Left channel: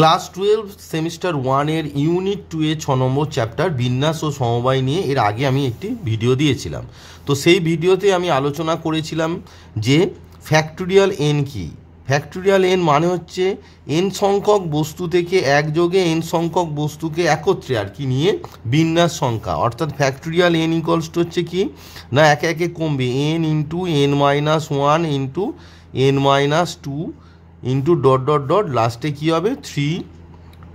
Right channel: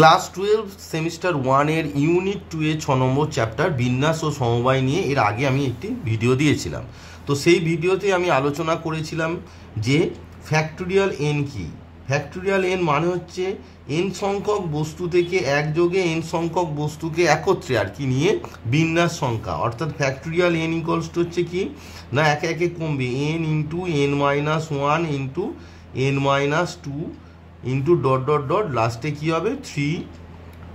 Class 12 semester 1 এর unit 2 এর 6 নম্বর chapter বিন্যাস ও সমবায় নিয়ে এর আগে আমি একটি ভিডিও দিয়েছিলাম। তো সেই ভিডিওতে আমি আলোচনা করেছিলাম যে ফ্যাক্টোরিয়াল এন কি। ফ্যাক্টোরিয়াল এন মানে হচ্ছে এন সংখ্যক বস্তু থেকে একযোগে এন সংখ্যক বস্তুকে একত্রে আর কি নিয়ে বিন্যাস সংখ্যা, অর্থাৎ ফ্যাক্টোরিয়াল এন ইকুয়ালস টু হচ্ছে কি না একে একে কমবে n into n minus one into n minus two into dot dot dot লাস্টে কী হবে 3,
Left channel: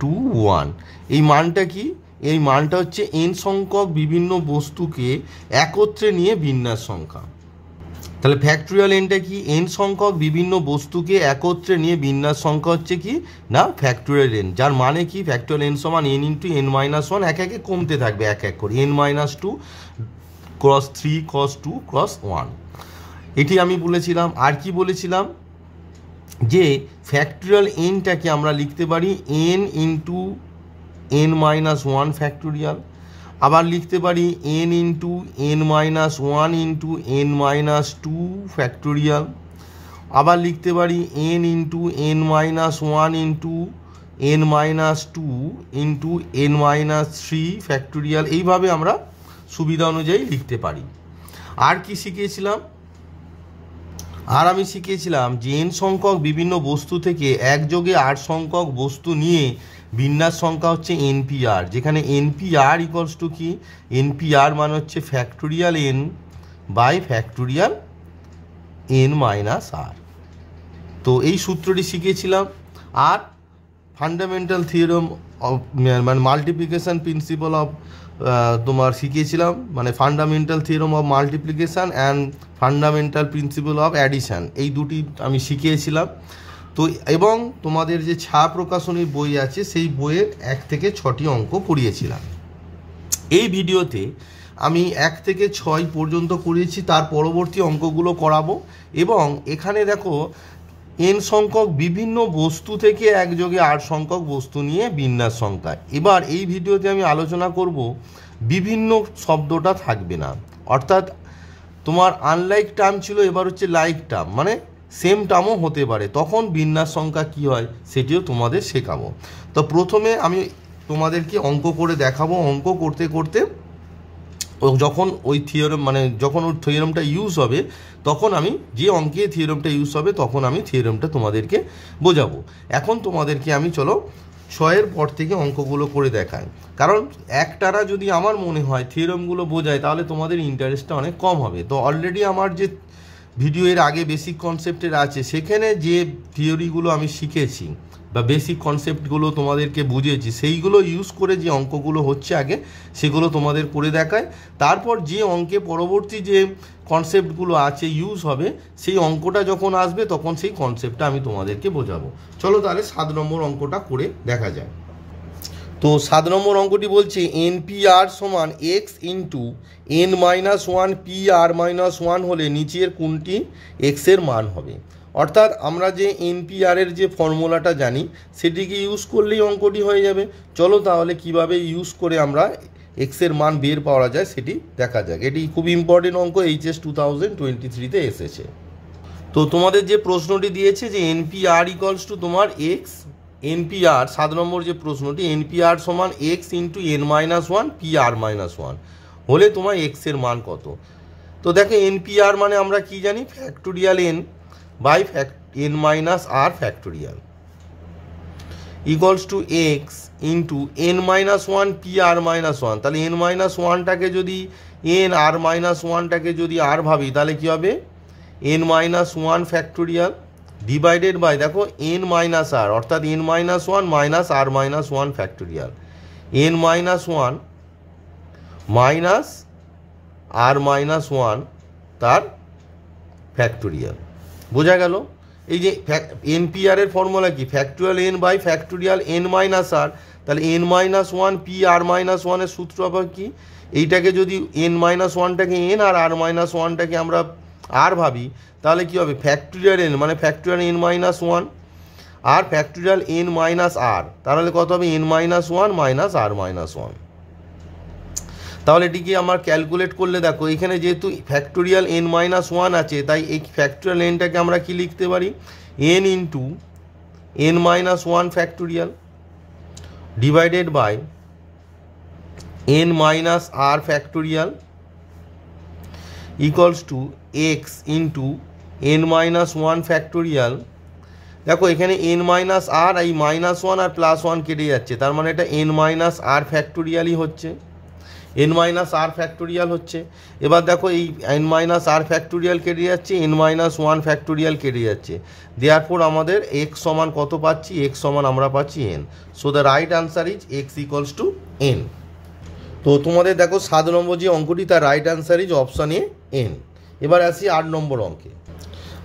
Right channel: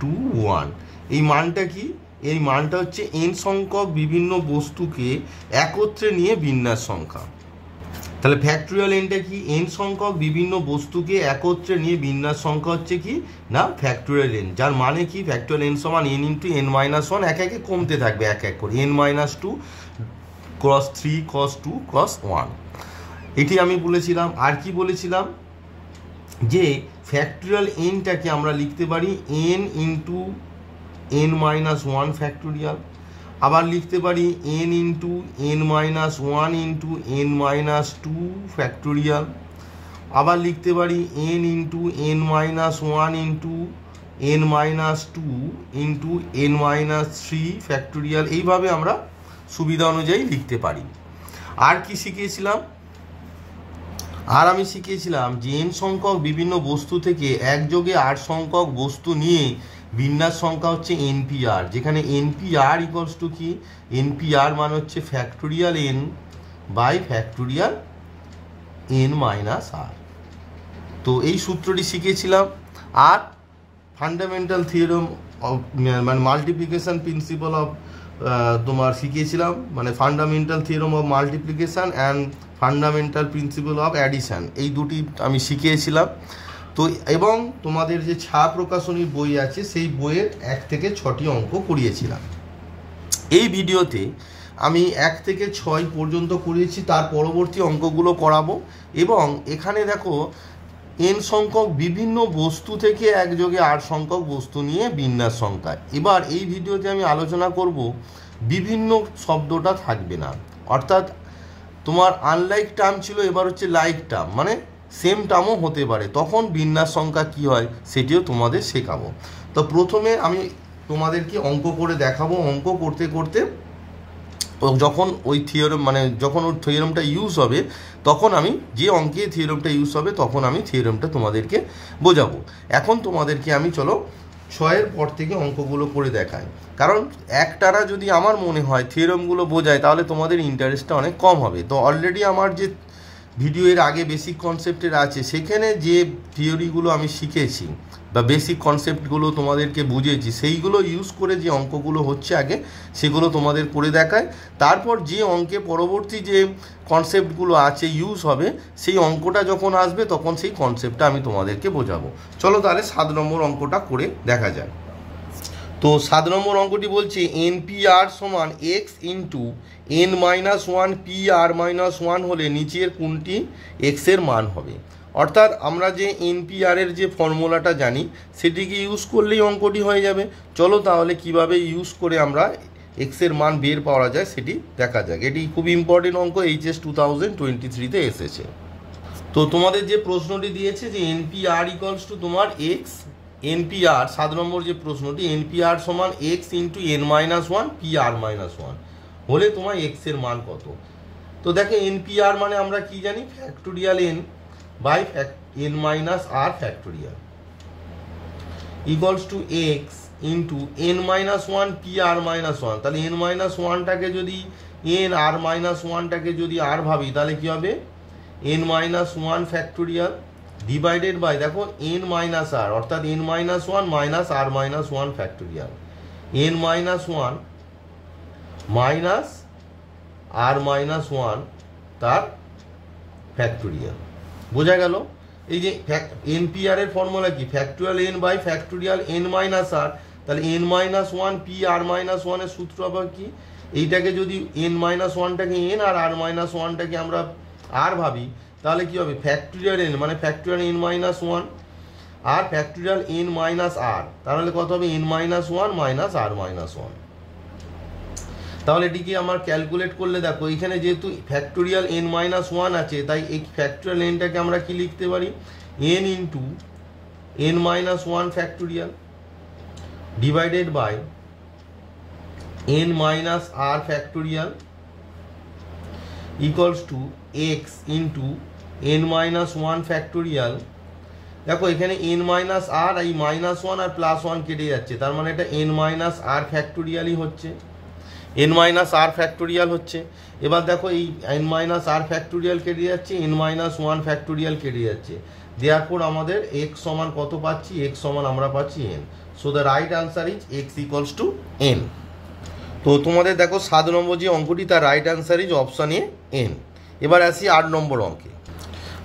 2, 1। এই মানটা কি? এই মানটা হচ্ছে এন সংখ্যক বিভিন্ন বস্তুকে একত্রে নিয়ে বিন্যাস সংখ্যা। তাহলে ফ্যাক্টোরিয়াল এনটা কি? এন সংখ্যক বিভিন্ন বস্তুকে একত্রে নিয়ে বিন্যাস সংখ্যা হচ্ছে কি না ফ্যাক্টোরিয়াল এন, যার মানে কি ফ্যাক্টোরিয়াল এন সমান n into n minus one এক একে কমতে থাকবে এক এক করে n minus two cross 3 cross 2 cross 1। এটি আমি বলেছিলাম। আর কি বলেছিলাম যে ফ্যাক্টোরিয়াল এনটাকে আমরা লিখতে পারি n into n minus one factorial, আবার লিখতে পারি n into n minus one into n minus two factorial, আবার লিখতে পারি n into n minus one into n minus two into n minus three factorial. এইভাবে আমরা সুবিধা অনুযায়ী লিখতে পারি। আর কি শিখিয়েছিলাম? আর আমি শিখিয়েছিলাম যে এন সংখ্যক বিভিন্ন বস্তু থেকে একযোগে আর সংখ্যক বস্তু নিয়ে বিন্যাস সংখ্যা হচ্ছে এনপিআর, যেখানে এনপিআর ইকুয়ালস টু কি এনপিআর মানে হচ্ছে factorial n by factorial n minus r. তো এই সূত্রটি শিখিয়েছিলাম। আর ফান্ডামেন্টাল থিওরেম অফ মানে মাল্টিপ্লিকেশন প্রিন্সিপাল অফ তোমার শিখিয়েছিলাম, মানে fundamental theorem of multiplication and fundamental principle of addition, এই দুটি আমি শিখিয়েছিলাম। তো এবং তোমাদের যে ছায়া প্রকাশনীর বই আছে সেই বইয়ের 1 থেকে 6টি অঙ্ক করিয়েছিলাম। এই ভিডিওতে আমি 1 থেকে 6 পর্যন্ত করিয়েছি, তার পরবর্তী অঙ্কগুলো করাবো। এবং এখানে দেখো এন সংখ্যক বিভিন্ন বস্তু থেকে একযোগে আর সংখ্যক বস্তু নিয়ে বিন্যাস সংখ্যা। এবার এই ভিডিওতে আমি আলোচনা করব বিভিন্ন শব্দটা থাকবে না, অর্থাৎ তোমার আনলাইক টার্ম ছিল, এবার হচ্ছে লাইক টার্ম, মানে সেম টার্মও হতে পারে, তখন বিন্যাস সংখ্যা কী হয় সেটিও তোমাদের শেখাবো। তো প্রথমে আমি তোমাদেরকে অঙ্ক করে দেখাবো। অঙ্ক করতে করতে যখন ওই থিওরেম মানে যখন ওই থিওরেমটা ইউজ হবে তখন আমি যে অঙ্কে থিওরেমটা ইউজ হবে তখন আমি থিওরেমটা তোমাদেরকে বোঝাবো। এখন তোমাদেরকে আমি চলো 6-এর পর থেকে অঙ্কগুলো করে দেখাই, কারণ একটানা যদি আমার মনে হয় থিওরেমগুলো বোঝায় তাহলে তোমাদের ইন্টারেস্টটা অনেক কম হবে। তো অলরেডি আমার যে ভিডিও এর আগে বেসিক কনসেপ্টের আছে সেখানে যে থিওরিগুলো আমি শিখেছি বা বেসিক কনসেপ্টগুলো তোমাদেরকে বুঝিয়েছি সেইগুলো ইউজ করে যে অঙ্কগুলো হচ্ছে আগে সেগুলো তোমাদের করে দেখায়। তারপর যে অঙ্কে পরবর্তী যে কনসেপ্টগুলো আছে ইউজ হবে সেই অঙ্কটা যখন আসবে তখন সেই কনসেপ্টটা আমি তোমাদেরকে বোঝাবো। চলো তাহলে 7 নম্বর অঙ্কটা করে দেখা যায়। তো 7 নম্বর অঙ্কটি বলছে এনপিআর সমান x into n minus one P r minus one হলে নিচের কোনটি এক্সের মান হবে। অর্থাৎ আমরা যে এনপিআরের যে ফর্মুলাটা জানি সেটিকে ইউজ করলেই অঙ্কটি হয়ে যাবে। চলো তাহলে কিভাবে ইউজ করে আমরা এক্সের মান বের পাওয়া যায় সেটি দেখা যাক। এটি খুব ইম্পর্টেন্ট অঙ্ক, এইচএস 2023-তে এসেছে। তো তোমাদের যে প্রশ্নটি দিয়েছে যে এনপিআর ইকুয়ালস টু তোমার এক্স, এনপিআর 7 নম্বর যে প্রশ্নটি এনপিআর সমান x into n minus one P r minus one হলে তোমার এক্সের মান কত। তো দেখো এনপিআর মানে আমরা কি জানি factorial n by n minus r factorial equals to x into n minus one P r minus one. তাহলে এন মাইনাস ওয়ানটাকে যদি এন আর মাইনাস ওয়ানটাকে যদি আর ভাবি তাহলে কী হবে n minus one factorial divided by দেখো এন মাইনাস আর, অর্থাৎ n minus one minus r minus one factorial n minus one minus r minus one তার ফ্যাক্টোরিয়াল। বোঝা গেল? এই যে এনপিআর এর ফর্মুলা কি factorial n by factorial n minus r, তাহলে n minus one P r minus ওয়ানের সূত্র আবার কি এইটাকে যদি এন মাইনাস ওয়ানটাকে এন আর আর মাইনাস ওয়ানটাকে আমরা আর ভাবি তাহলে কী হবে ফ্যাক্টোরিয়াল এন মানে factorial n minus one r factorial n minus r, তাহলে কত হবে n minus one minus r minus one. তাহলে এটিকে আমার ক্যালকুলেট করলে দেখো এখানে যেহেতু ফ্যাক্টোরিয়াল এন মাইনাস ওয়ান আছে তাই এই ফ্যাক্টোরিয়াল এনটাকে আমরা কি লিখতে পারি n into n minus one factorial divided by n minus r factorial equals to x into n minus one factorial. দেখো এখানে n মাইনাস আর, এই মাইনাস ওয়ান আর প্লাস ওয়ান কেটে যাচ্ছে, তার মানে এটা n মাইনাস আর ফ্যাক্টোরিয়ালই হচ্ছে, n মাইনাস আর ফ্যাক্টোরিয়াল হচ্ছে। এবার দেখো এই n মাইনাস আর ফ্যাক্টোরিয়াল কেটে যাচ্ছে, n মাইনাস ওয়ান ফ্যাক্টোরিয়াল কেটে যাচ্ছে, দেয়ারফর আমাদের x সমান কত পাচ্ছি, x সমান আমরা পাচ্ছি n। So the right answer is x equals to n। তো তোমাদের দেখো 7 নম্বর যে অঙ্কটি, তার right answer is option A n। এবার আসি 8 নম্বর অঙ্কে।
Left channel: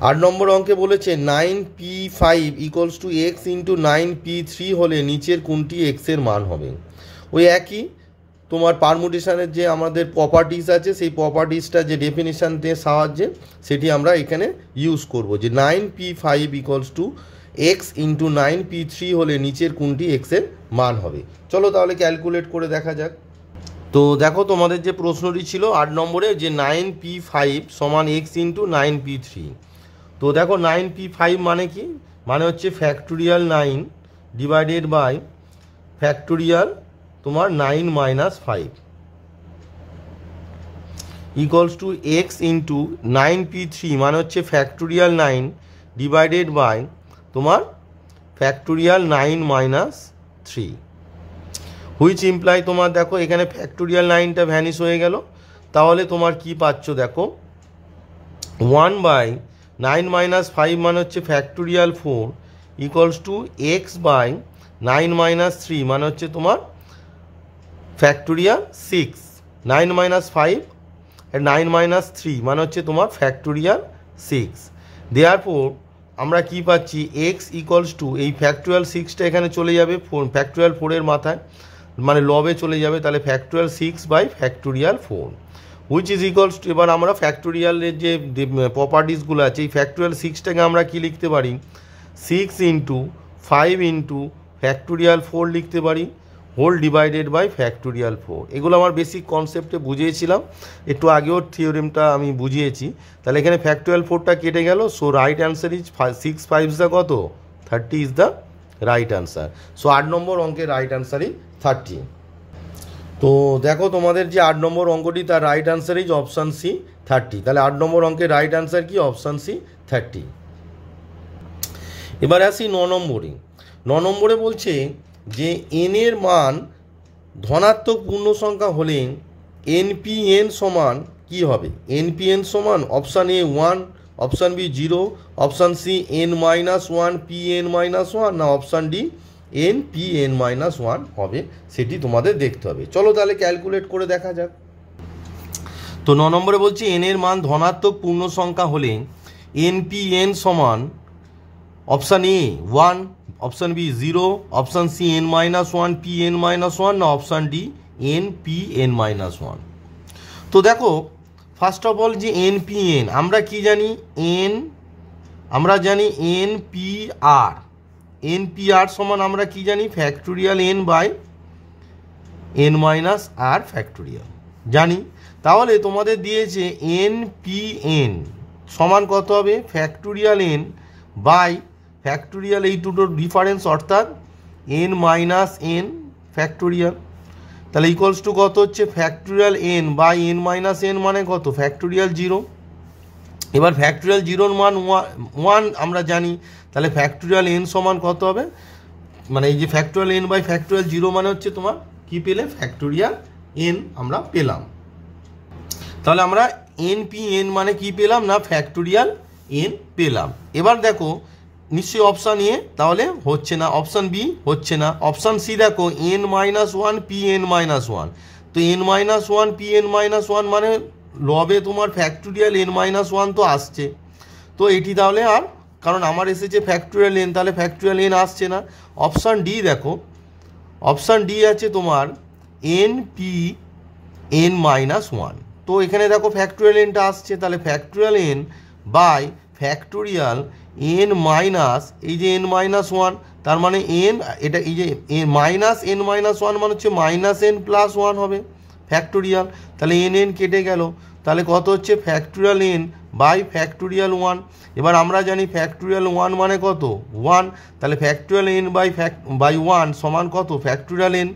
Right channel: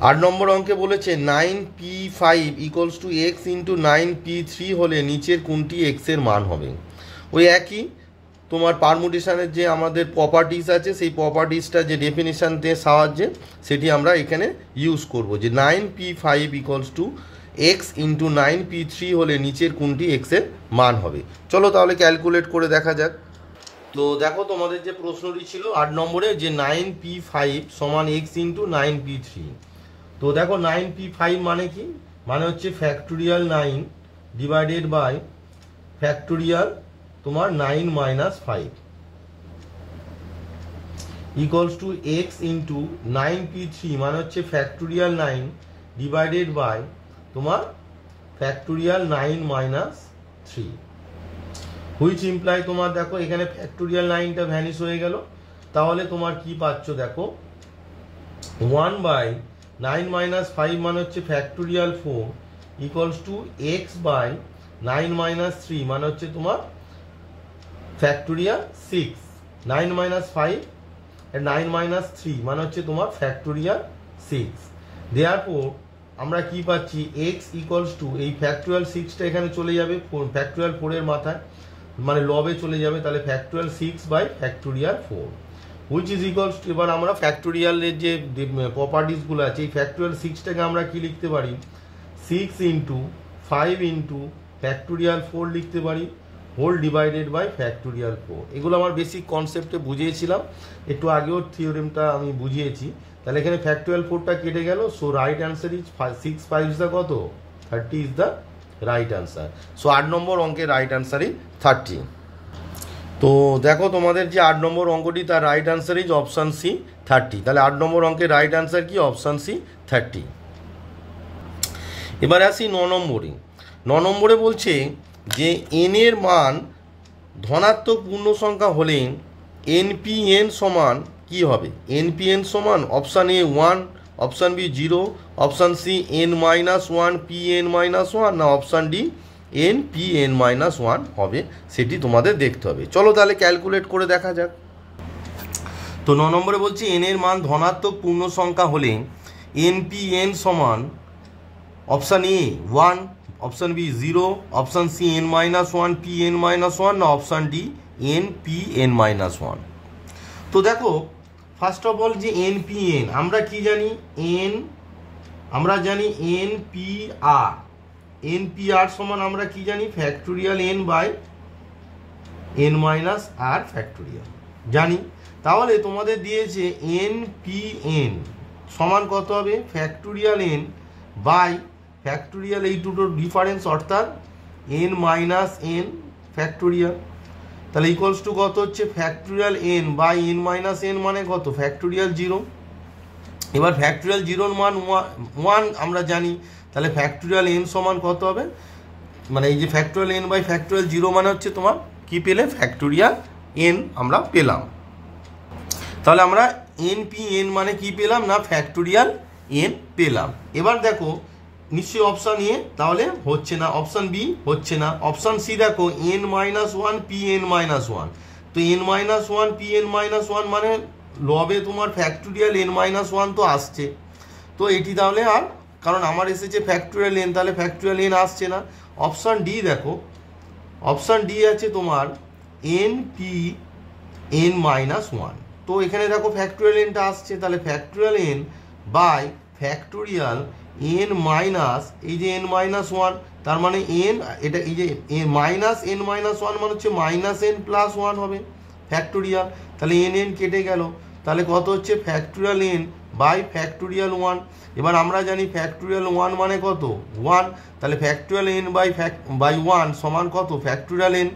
8 নম্বর অঙ্কে বলেছে 9p5 equals to x into 9p3 হলে নিচের কোনটি এক্স এর মান হবে। ওই একই তোমার পারমুটেশনের যে আমাদের প্রপার্টিস আছে, সেই প্রপার্টিসটা যে ডেফিনেশনের সাহায্যে সেটি আমরা এখানে ইউজ করব, যে 9p5 equals to x into 9p3 হলে নিচের কোনটি এক্স এর মান হবে। চলো তাহলে ক্যালকুলেট করে দেখা যাক। তো দেখো তোমাদের যে প্রশ্নটি ছিল 8 নম্বরে, যে 9p5 সমান এক্স ইন্টু 9p3। তো দেখো 9p5 মানে কি, মানে হচ্ছে ফ্যাক্টোরিয়াল 9 ডিভাইডেড বাই ফ্যাক্টোরিয়াল তোমার 9 minus 5 equals to x into 9p3 মানে হচ্ছে ফ্যাক্টোরিয়াল 9 ডিভাইডেড বাই তোমার ফ্যাক্টোরিয়াল 9 মাইনাস 3, হুইচ ইমপ্লাই তোমার দেখো এখানে ফ্যাক্টোরিয়াল 9টা ভ্যানিশ হয়ে গেল, তাহলে তোমার কি পাচ্ছ দেখো 1 বাই 9 মাইনাস 5 মানে হচ্ছে factorial 4 equals to x by 9 minus 3 মানে হচ্ছে তোমার ফ্যাক্টোরিয়াল 6, 9 মাইনাস 5 আর 9 মাইনাস 3 মানে হচ্ছে তোমার ফ্যাক্টোরিয়াল 6। দেয়ারফর আমরা কি পাচ্ছি, এক্স ইকুয়ালস টু এই ফ্যাক্টোরিয়াল 6টা এখানে চলে যাবে ফ্যাক্টোরিয়াল 4-এর মাথায়, মানে লবে চলে যাবে, তাহলে factorial 6 by factorial 4 which is equals to, এবার আমরা ফ্যাক্টোরিয়ালের যে প্রপার্টিসগুলো আছে, এই ফ্যাক্টোরিয়াল 6টাকে আমরা কি লিখতে পারি, 6 ইন্টু 5 ইন্টু ফ্যাক্টোরিয়াল 4 লিখতে পারি, হোল ডিভাইডেড বাই ফ্যাক্টোরিয়াল 4। এগুলো আমার বেসিক কনসেপ্টে বুঝিয়েছিলাম, একটু আগেও থিওরেমটা আমি বুঝিয়েছি। তাহলে এখানে ফ্যাক্টোরিয়াল 4টা কেটে গেল, so right answer is 6 5 the কত 30 is the right answer. So 8 নম্বর অঙ্কের রাইট অ্যান্সার ইজ 30। তো দেখো তোমাদের যে 8 নম্বর অঙ্কটি, তার right answer is option C 30। তাহলে 8 নম্বর অঙ্কের রাইট অ্যান্সার কি, অপশান সি 30। এবার আসি 9 নম্বরে। 9 নম্বরে বলছে যে এন এর মান ধনাত্মক পূর্ণ সংখ্যা হলে এনপিএন সমান কি হবে। এনপিএন সমান option A 1, option B 0, option C n minus 1 Pn minus 1, না option D n Pn minus 1 হবে, সেটি তোমাদের দেখতে হবে। চলো তাহলে ক্যালকুলেট করে দেখা যাক। তো 9 নম্বরে বলছি এন এর মান ধনাত্মক পূর্ণ সংখ্যা হলে এনপিএন সমান option A 1, option B 0, option C n minus 1 Pn minus 1, না option D n Pn minus 1। তো দেখো ফার্স্ট অফ অল যে এনপিএন আমরা কি জানি, আমরা জানি এনপিআর। এনপিআর সমান আমরা কি জানি, factorial n by n minus r factorial জানি। তাহলে তোমাদের দিয়েছে এনপিএন সমান কত হবে, ফ্যাক্টোরিয়াল এন বাই ফ্যাক্টোরিয়াল এই দুটোর ডিফারেন্স, অর্থাৎ এন মাইনাস এন ফ্যাক্টোরিয়াল। তাহলে ইকুয়ালস টু কত হচ্ছে, factorial n by n minus n মানে কত, ফ্যাক্টোরিয়াল 0। এবার ফ্যাক্টোরিয়াল 0-র মান 1 আমরা জানি, তাহলে ফ্যাক্টোরিয়াল এন সমান কত হবে, মানে এই যে ফ্যাক্টোরিয়াল এন বাই ফ্যাক্টোরিয়াল 0 মানে হচ্ছে তোমার কি পেলে, ফ্যাক্টোরিয়াল এন আমরা পেলাম। তাহলে আমরা এনপিএন মানে কি পেলাম না, ফ্যাক্টোরিয়াল এন পেলাম। এবার দেখো নিশ্চয়ই অপশান এ তাহলে হচ্ছে না, অপশান বি হচ্ছে না, অপশান সি দেখো এন মাইনাস 1 পিএন মাইনাস 1। তো এন মাইনাস 1 পিএন মাইনাস 1 মানে লবে তোমার ফ্যাক্টোরিয়াল এন মাইনাস 1 তো আসছে, তো এটি তাহলে আর, কারণ আমার এসেছে ফ্যাক্টোরিয়াল এন, তাহলে ফ্যাক্টোরিয়াল এন আসছে না। অপশান ডি দেখো, অপশান ডি আছে তোমার এন পি এন মাইনাস 1। তো এখানে দেখো ফ্যাক্টোরিয়াল এনটা আসছে, তাহলে factorial n by factorial n minus এই যে এন মাইনাস 1, তার মানে এন এটা এই যে মাইনাস এন মাইনাস 1 মানে হচ্ছে মাইনাস এন প্লাস 1 হবে ফ্যাক্টোরিয়াল। তাহলে এন এন কেটে গেল, তাহলে কত হচ্ছে, ফ্যাক্টোরিয়াল এন বাই ফ্যাক্টোরিয়াল 1। এবার আমরা জানি ফ্যাক্টোরিয়াল 1 মানে কত 1, তাহলে ফ্যাক্টোরিয়াল n বাই 1 সমান কত factorial n।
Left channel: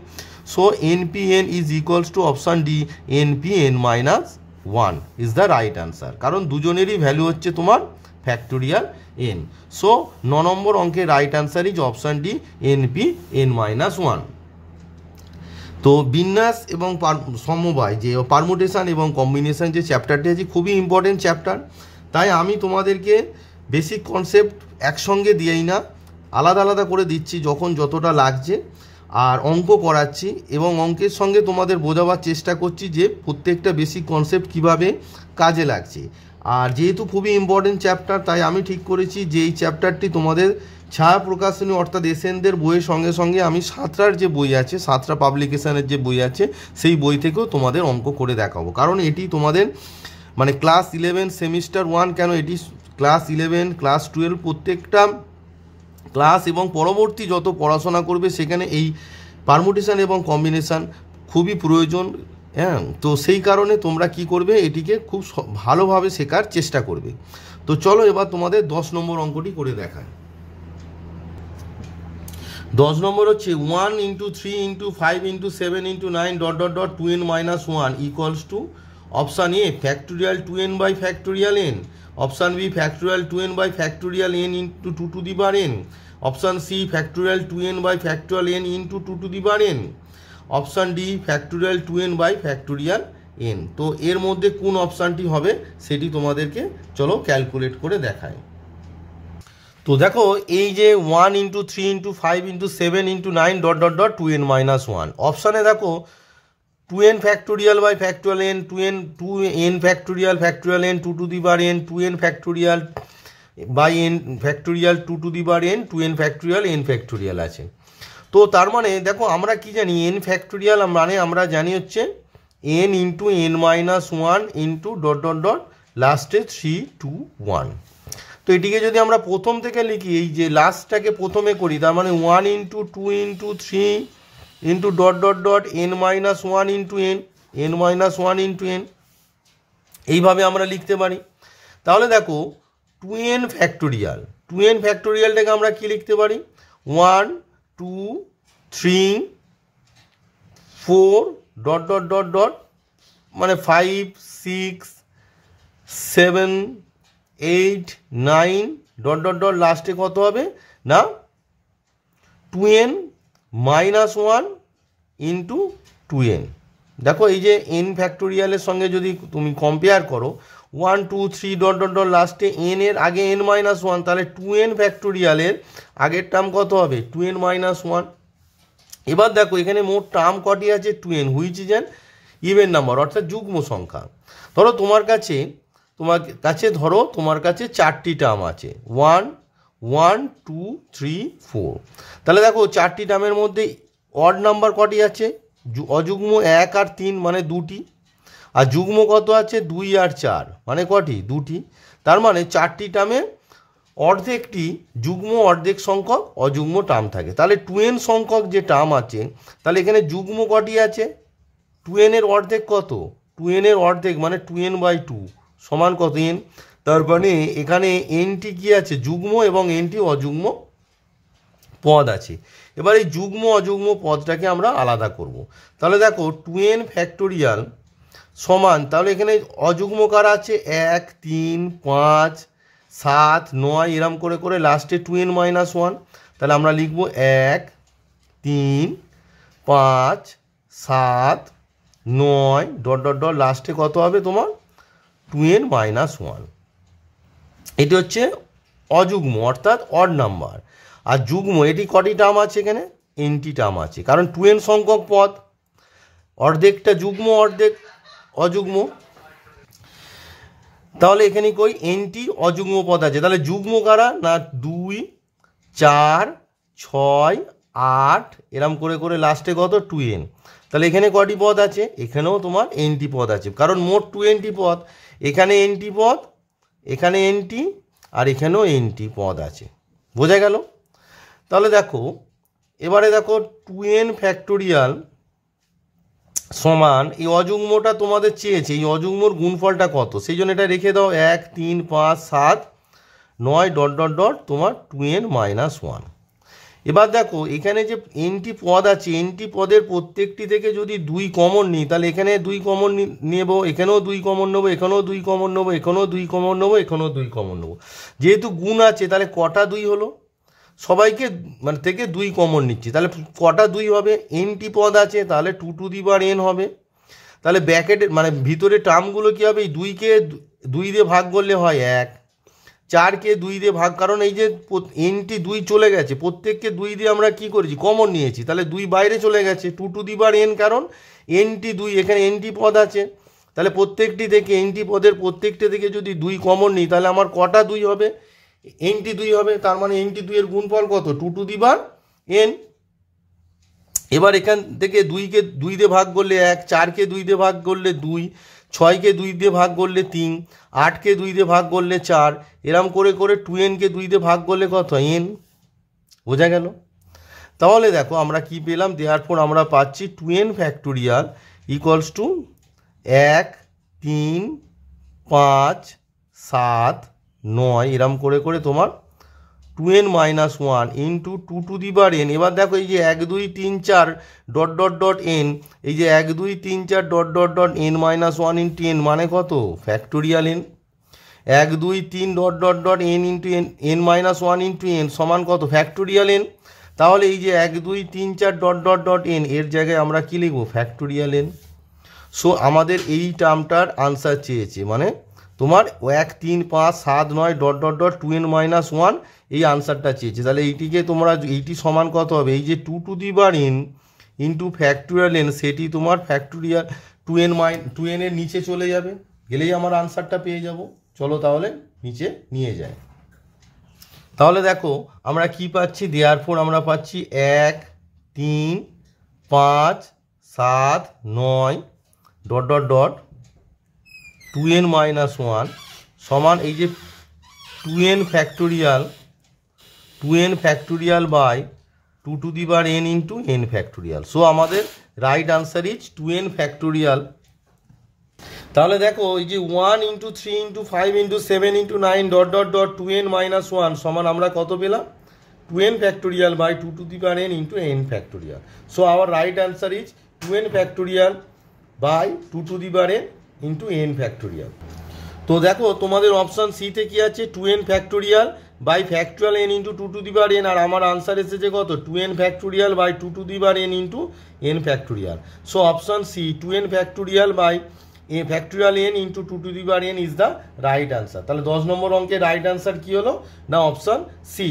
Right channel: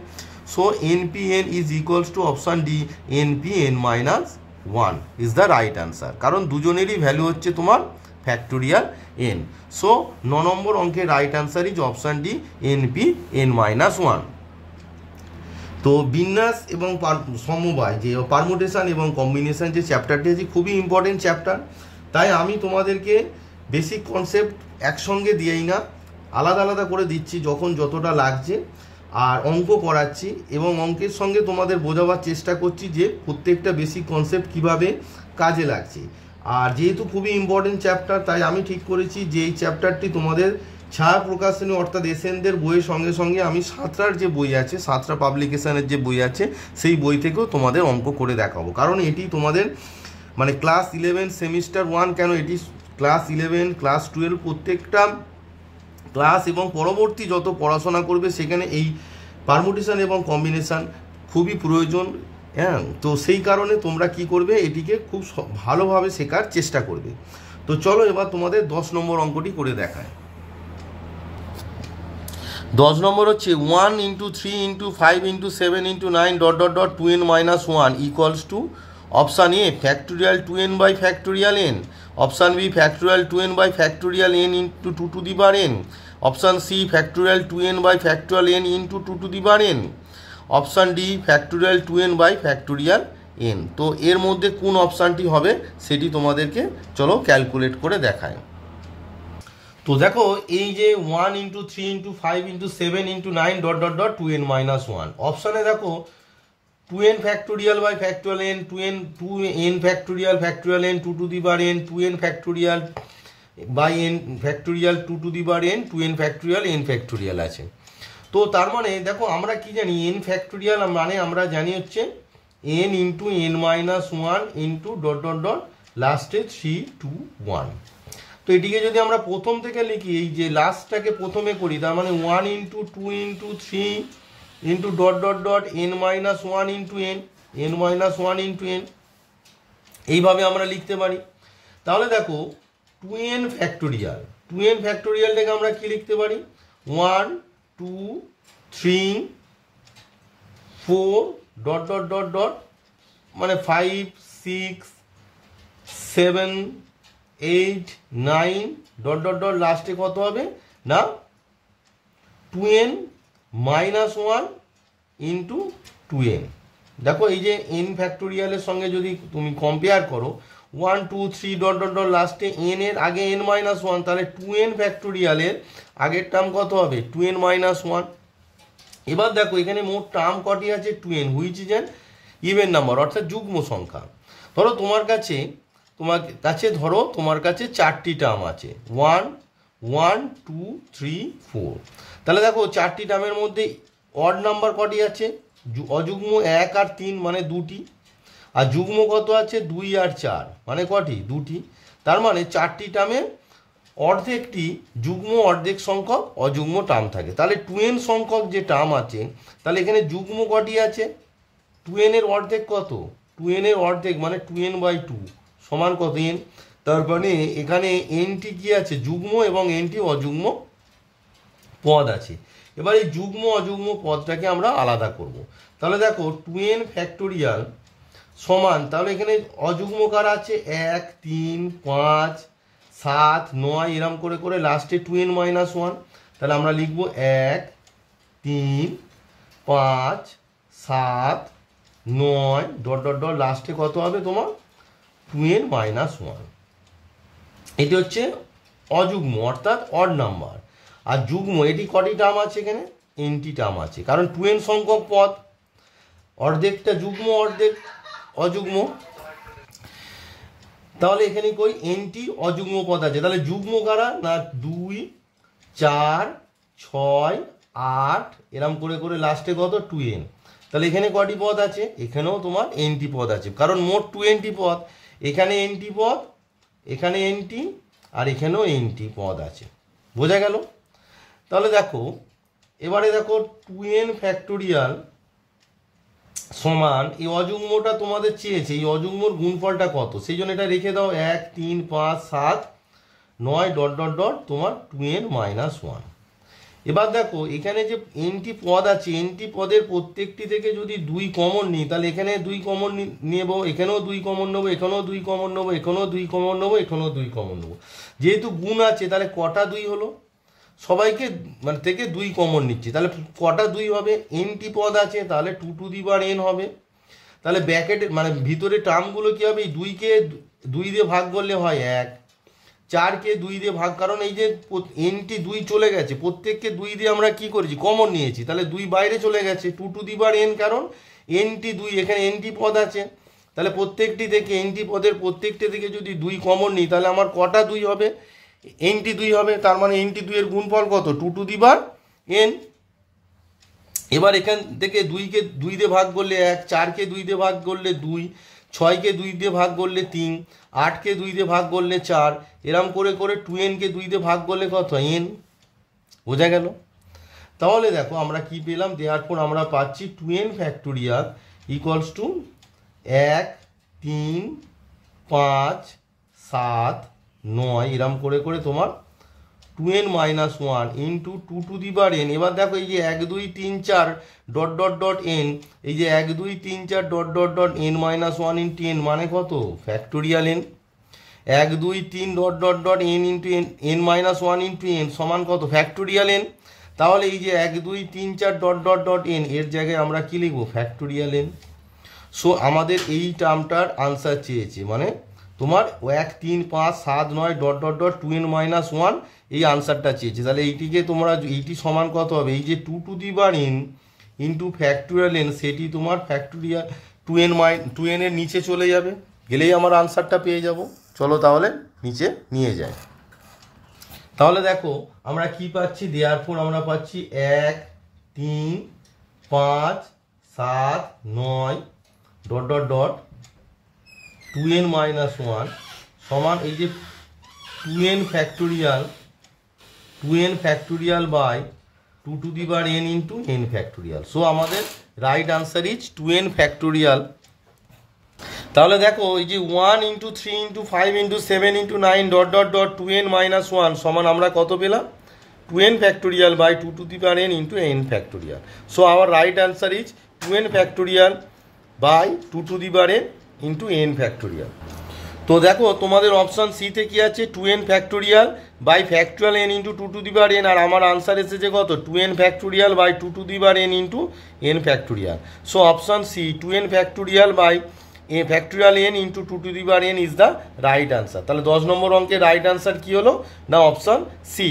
So npn is equals to option D, npn minus 1 is the right answer, কারণ দুজনেরই ভ্যালু হচ্ছে তোমার ফ্যাক্টোরিয়াল n। সো 9 নম্বর অঙ্কের right answer is option D, npn minus 1। তো বিন্যাস এবং সমবায় যে পারমুটেশন এবং কম্বিনেশন যে চ্যাপ্টারটি আছে খুবই ইম্পর্টেন্ট চ্যাপ্টার, তাই আমি তোমাদেরকে বেসিক কনসেপ্ট একসঙ্গে দিয়েই না, আলাদা আলাদা করে দিচ্ছি যখন যতটা লাগছে, আর অঙ্ক করাচ্ছি এবং অঙ্কের সঙ্গে তোমাদের বোঝাবার চেষ্টা করছি যে প্রত্যেকটা বেসিক কনসেপ্ট কিভাবে কাজে লাগছে। আর যেহেতু খুবই ইম্পর্টেন্ট চ্যাপ্টার, তাই আমি ঠিক করেছি যে এই চ্যাপ্টারটি তোমাদের ছায়া প্রকাশনী অর্থাৎ এসএনদের বইয়ের সঙ্গে সঙ্গে আমি সাঁতরার যে বই আছে, সাঁতরা পাবলিকেশনের যে বই আছে, সেই বই থেকেও তোমাদের অঙ্ক করে দেখাবো, কারণ এটি তোমাদের মানে ক্লাস 11 সেমিস্টার 1 কেন, এটি ক্লাস 11 ক্লাস 12 প্রত্যেকটা ক্লাস এবং পরবর্তী যত পড়াশোনা করবে সেখানে এই পারমুটেশন এবং কম্বিনেশন খুবই প্রয়োজন। হ্যাঁ, তো সেই কারণে তোমরা কি করবে, এটিকে খুব ভালোভাবে শেখার চেষ্টা করবে। তো চলো এবার তোমাদের 10 নম্বর অঙ্কটি করে দেখায়। 10 নম্বর হচ্ছে 1 × 3 × 5 × 7 × 9 ... 2n - 1 equals to option A factorial 2n by factorial n, option B factorial 2n by factorial n into 2 to the power n, option C factorial 2n by factorial n into 2 to the power n, option D factorial 2n by factorial n। তো এর মধ্যে কোন অপশানটি হবে সেটি তোমাদেরকে চলো calculate করে দেখায়। তো দেখো এই যে 1 × 3 × 5 × 7 × 9 ... 2n - 1 অপশানে দেখো 2n factorial by factorial n, 2n factorial factorial n 2 to the power n, 2n factorial by n factorial 2 to the power n, 2n factorial n factorial আছে। তো তার মানে দেখো আমরা কি জানি, n ফ্যাক্টোরিয়াল মানে আমরা জানি হচ্ছে n × n - 1 ইন্টু ... লাস্টে 3 2 1। তো এটিকে যদি আমরা প্রথম থেকে লিখি, এই যে লাস্টটাকে প্রথমে করি, তার মানে 1 × 2 × 3 into ... n - 1 into n, n - 1 into n, এইভাবে আমরা লিখতে পারি। তাহলে দেখো 2n ফ্যাক্টোরিয়ালটাকে আমরা কি লিখতে পারি, 1 2 3 4 ... মানে 5 6 7 8 9 ... লাস্টে কত হবে না 2n - 1 ইন্টু 2n। দেখো এই যে n ফ্যাক্টোরিয়ালের সঙ্গে যদি তুমি কম্পেয়ার করো, 1 2 3 ... লাস্টে n এর আগে n - 1, তাহলে 2n ফ্যাক্টোরিয়ালের আগের টার্ম কত হবে 2n - 1। এবার দেখো এখানে মোট টার্ম কটি আছে 2n, which is an even number অর্থাৎ যুগ্ম সংখ্যা। ধরো তোমার কাছে ধরো তোমার কাছে 4টি টার্ম আছে 1 1 2 3 4। তাহলে দেখো 4টি টার্মের মধ্যে অড নাম্বার কটি আছে, অযুগ্ম 1 আর 3 মানে 2টি, আর যুগ্ম কত আছে 2 আর 4 মানে কটি 2টি। তার মানে 4টি টার্মে অর্ধেকটি যুগ্ম অর্ধেক সংখ্যক অযুগ্ম টার্ম থাকে। তাহলে 2n সংখ্যক যে টার্ম আছে, তাহলে এখানে যুগ্ম কটি আছে, 2n এর অর্ধেক কত, 2n এর অর্ধেক মানে 2n/2 সমান কত n। তার মানে এখানে nটি কি আছে যুগ্ম এবং nটি অযুগ্ম পদ আছে। এবার এই যুগ্ম অযুগ্ম পদটাকে আমরা আলাদা করব। তাহলে দেখো 2n ফ্যাক্টোরিয়াল সমান, তাহলে এখানে অযুগ্ম কারা আছে 1 3 5 7 9 এরম করে করে লাস্টে 2n - 1। তাহলে আমরা লিখব 1 3 5 7 9 ... লাস্টে কত হবে তোমার 2n - 1। এটি হচ্ছে অযুগ্ম অর্থাৎ অড নাম্বার। আর যুগ্ম এটি কটি টার্ম আছে, এখানে nটি টার্ম আছে, কারণ 2n সংখ্যক পদ, অর্ধেকটা যুগ্ম অর্ধেক অযুগ্ম। তাহলে এখানে কই nটি অযুগ্ম পদ আছে। তাহলে যুগ্ম কারা না 2 4 6 8 এরম করে করে লাস্টে কত 2n। তাহলে এখানে কটি পদ আছে, এখানেও তোমার nটি পদ আছে, কারণ মোট 2nটি পদ, এখানে nটি পদ, এখানে nটি, আর এখানেও nটি পদ আছে। বোঝা গেল? তাহলে দেখো এবারে দেখো 2n ফ্যাক্টোরিয়াল সমান এই অযুগ্মটা তোমাদের চেয়েছে, এই অযুগ্মর গুণফলটা কত, সেই জন্য এটা রেখে দাও 1 3 5 7 9 ডট ডট ডট তোমার 2n - 1। এবার দেখো এখানে যে এনটি পদ আছে, এনটি পদের প্রত্যেকটি থেকে যদি 2 কমন নিই, তাহলে এখানে 2 কমন নেব, এখানেও 2 কমন নেবো, এখানেও 2 কমন নেবো, এখানেও 2 কমন নেবো, এখানেও 2 কমন নেবো। যেহেতু গুণ আছে তাহলে কটা 2 হলো, সবাইকে মানে থেকে 2 কমন নিচ্ছি, তাহলে কটা 2 হবে, এনটি পদ আছে তাহলে 2n হবে। তাহলে ব্র্যাকেটে মানে ভিতরে টার্মগুলো কী হবে, এই 2কে 2 দিয়ে ভাগ করলে হয় 1, 4কে 2 দিয়ে ভাগ, কারণ এই যে এনটি 2 চলে গেছে, প্রত্যেককে 2 দিয়ে আমরা কি করেছি কমন নিয়েছি, তাহলে 2 বাইরে চলে গেছে 2n, কারণ এনটি 2 এখানে এনটি পদ আছে, তাহলে প্রত্যেকটি থেকে এনটি পদের প্রত্যেকটি থেকে যদি 2 কমন নিই তাহলে আমার কটা 2 হবে, এনটি 2 হবে, তার মানে এনটি 2 এর গুণফল কত 2n। এবার এখান থেকে 2কে 2 দিয়ে ভাগ করলে 1, 4কে 2 দিয়ে ভাগ করলে 2, 6কে 2 দিয়ে ভাগ করলে 3, 8কে 2 দিয়ে ভাগ করলে 4, এরম করে করে 2nকে 2 দিয়ে ভাগ করলে কত n, বোঝা গেল। তাহলে দেখো আমরা কি পেলাম, দেয়ারফর আমরা পাচ্ছি 2n ফ্যাক্টোরিয়াল ইকুয়ালস টু 1 3 5 7 9 এরম করে করে তোমার 2n - 1 ইন্টু 2n। এবার দেখো এই যে 1 2 3 4 ডট ডট ডট n, এই যে 1 2 3 4 dot dot dot n - 1 into n মানে কত factorial n, 1 2 3 dot dot dot n into n - 1 into n সমান কত ফ্যাক্টোরিয়াল n। তাহলে এই যে 1 2 3 4 ডট ডট ডট n এর জায়গায় আমরা কি লিখবো ফ্যাক্টোরিয়াল n। সো আমাদের এই টার্মটার আনসার চেয়েছে, মানে তোমার 1 3 5 7 9 ডট ডট ডট 2n - 1 এই আনসারটা চেয়েছে। তাহলে এইটিকে তোমরা এইটি সমান কত হবে, এই যে 2n ইন্টু ফ্যাক্টোরিয়াল n সেটি তোমার ফ্যাক্টোরিয়াল 2n এর নিচে চলে যাবে, গেলেই আমার আনসারটা পেয়ে যাব। চলো তাহলে নিচে নিয়ে যাই। তাহলে দেখো আমরা কি পাচ্ছি, দেয়ারফর আমরা পাচ্ছি 1 3 5 7 9 ডট ডট ডট 2n - 1 সমান এই যে 2n factorial by 2n into n factorial. So আমাদের right answer is 2n factorial. তাহলে দেখো এই যে 1 into 3 into 5 into 7 into 9 dot dot dot 2n - 1 সমান আমরা কত পেলাম 2n factorial by 2n into n factorial. So our right answer is 2n factorial by 2n into n factorial. তো দেখো তোমাদের অপশান সিতে কি আছে 2n factorial by factorial n into 2n, আর আমার আনসার এসেছে কত 2n factorial by 2n into n factorial. So option C 2n factorial by factorial n into 2n is the right answer. তাহলে 10 নম্বর অঙ্কের রাইট আনসার কি হলো না option C.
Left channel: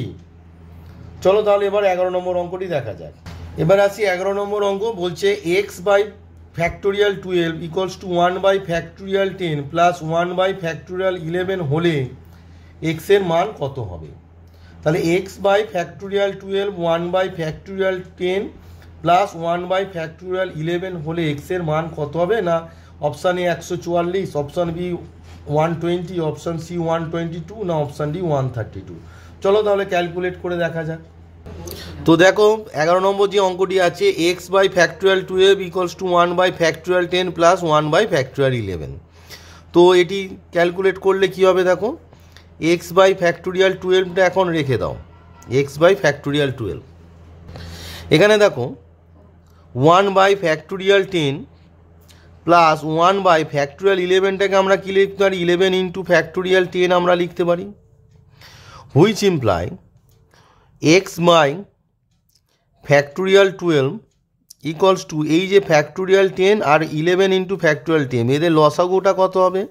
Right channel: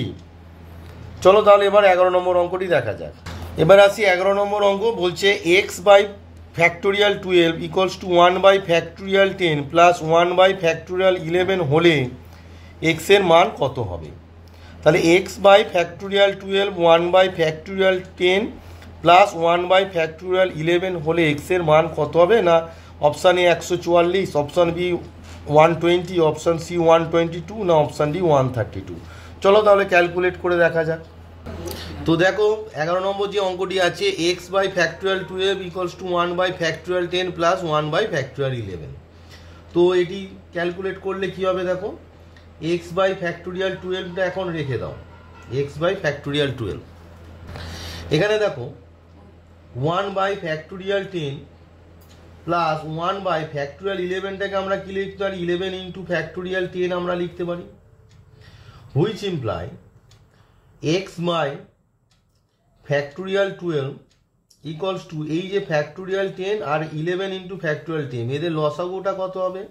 চলো তাহলে এবার 11 নম্বর অঙ্কটি দেখা যাক। এবার আসি 11 নম্বর অঙ্ক, বলছে x by factorial 12 equals to 1 by factorial 10 plus 1 by factorial 11 হলে এক্সের মান কত হবে। তাহলে x by factorial 12 1 by factorial 10 plus 1 by factorial 11 হলে এক্সের মান কত হবে না option A 144, option B 120, option C 122 না অপশান ডি 132। চলো তাহলে ক্যালকুলেট করে দেখা যাক। তো দেখো 11 নম্বর যে অঙ্কটি আছে x by factorial 12 equals to 1 by factorial 10 plus 1 by factorial 11। তো এটি ক্যালকুলেট করলে কি হবে, দেখো এক্স বাই ফ্যাক্টোরিয়াল 12টা এখন রেখে দাও, এক্স বাই ফ্যাক্টোরিয়াল 12, এখানে দেখো 1 by factorial 10 plus 1 by factorial 11টাকে আমরা কি লিখতে পারি 11 ইন্টু ফ্যাক্টোরিয়াল 10 আমরা লিখতে পারি, which imply x by factorial 12 equals to এই যে ফ্যাক্টোরিয়াল 10 আর 11 ইন্টু ফ্যাক্টোরিয়াল 10 এদের লসাগুটা কত হবে,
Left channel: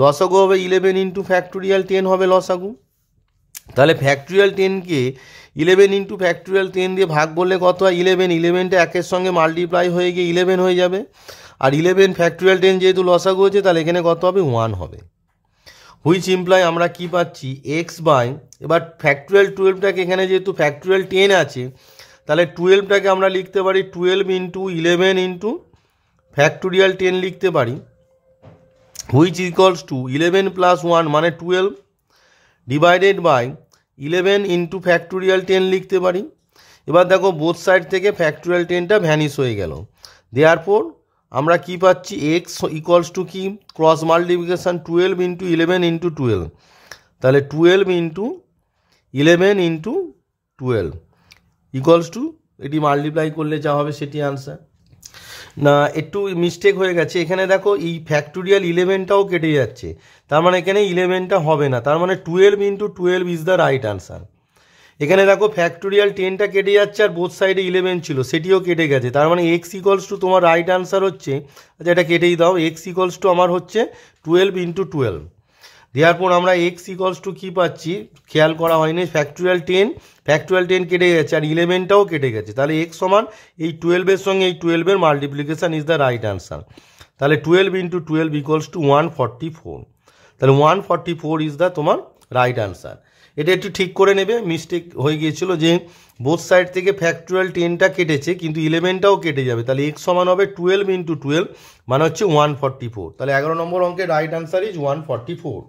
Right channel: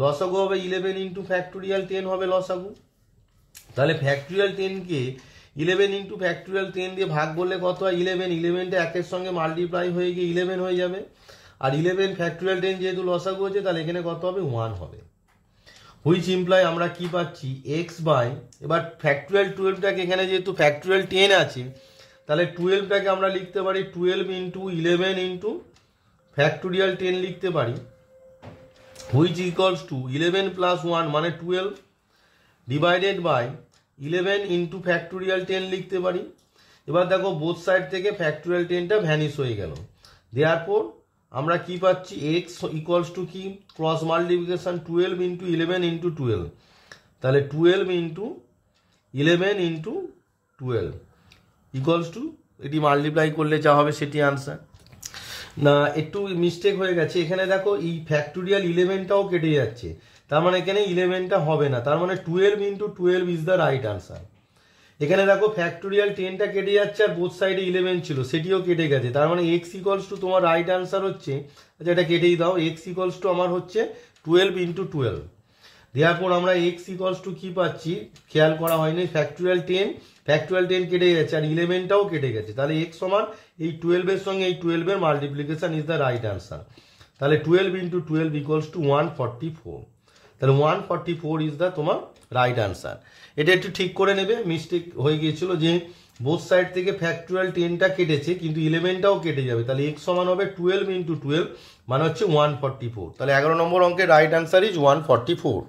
লসাগু হবে 11 ইন্টু ফ্যাক্টোরিয়াল 10 হবে লসাগু। তাহলে ফ্যাক্টোরিয়াল 10কে 11 ইন্টু ফ্যাক্টোরিয়াল 10 দিয়ে ভাগ করলে কত হয় 11, 11টা একের সঙ্গে মাল্টিপ্লাই হয়ে গিয়ে 11 হয়ে যাবে, আর 11 ফ্যাক্টোরিয়াল 10 যেহেতু লসাগু হয়েছে তাহলে এখানে কত হবে 1 হবে, হুইচ ইমপ্লাই আমরা কি পাচ্ছি এক্স বাই, এবার ফ্যাক্টোরিয়াল 12টাকে এখানে যেহেতু ফ্যাক্টোরিয়াল 10 আছে তাহলে 12টাকে আমরা লিখতে পারি 12 ইন্টু 11 ইন্টু ফ্যাক্টোরিয়াল 10 লিখতে পারি, হুইচ ইকুয়ালস টু 11 প্লাস 1 মানে 12 ডিভাইডেড বাই 11 ইন্টু ফ্যাক্টোরিয়াল 10 লিখতে পারি। এবার দেখো বোথ সাইড থেকে ফ্যাক্টোরিয়াল 10টা ভ্যানিশ হয়ে গেল, দেয়ারফর আমরা কি পাচ্ছি, এক্স ইকুয়ালস টু কি, ক্রস মাল্টিপ্লিকেশান 12 ইন্টু 11 ইন্টু 12, তাহলে 12 ইন্টু 11 ইন্টু 12 ইকুয়ালস টু, এটি মাল্টিপ্লাই করলে যা হবে সেটি আনসার। না একটু মিস্টেক হয়ে গেছে এখানে, দেখো এই ফ্যাক্টোরিয়াল 11টাও কেটে যাচ্ছে, তার মানে এখানে 11টা হবে না, তার মানে 12 into 12 is the right answer. এখানে দেখো ফ্যাক্টোরিয়াল 10টা কেটে যাচ্ছে আর বোথ সাইডে 11 ছিল, সেটিও কেটে গেছে, তার মানে এক্স ইকুয়ালস টু তোমার রাইট আনসার হচ্ছে, আচ্ছা এটা কেটেই দাও, এক্স ইকুয়ালস টু আমার হচ্ছে 12 ইন্টু 12। দেওয়ার পর আমরা এক্স ইকুয়ালস টু কী পাচ্ছি, খেয়াল করা হয়নি, ফ্যাক্টোরিয়াল 10 কেটে গেছে আর 11টাও কেটে গেছে, তাহলে এক্স সমান এই 12-এর সঙ্গে এই 12-এর multiplication is the right answer. তাহলে 12 ইন্টু 12 ইকুয়ালস টু 144, তাহলে 144 ইজ দ্য তোমার রাইট আনসার। এটা একটু ঠিক করে নেবে, মিস্টেক হয়ে গিয়েছিল যে বোথ সাইড থেকে ফ্যাক্টোরিয়াল 10টা কেটেছে কিন্তু 11টাও কেটে যাবে, তাহলে এক্স সমান হবে 12 ইন্টু 12 মানে হচ্ছে 144, তাহলে 11 নম্বর অঙ্কের রাইট আনসার ইজ 144।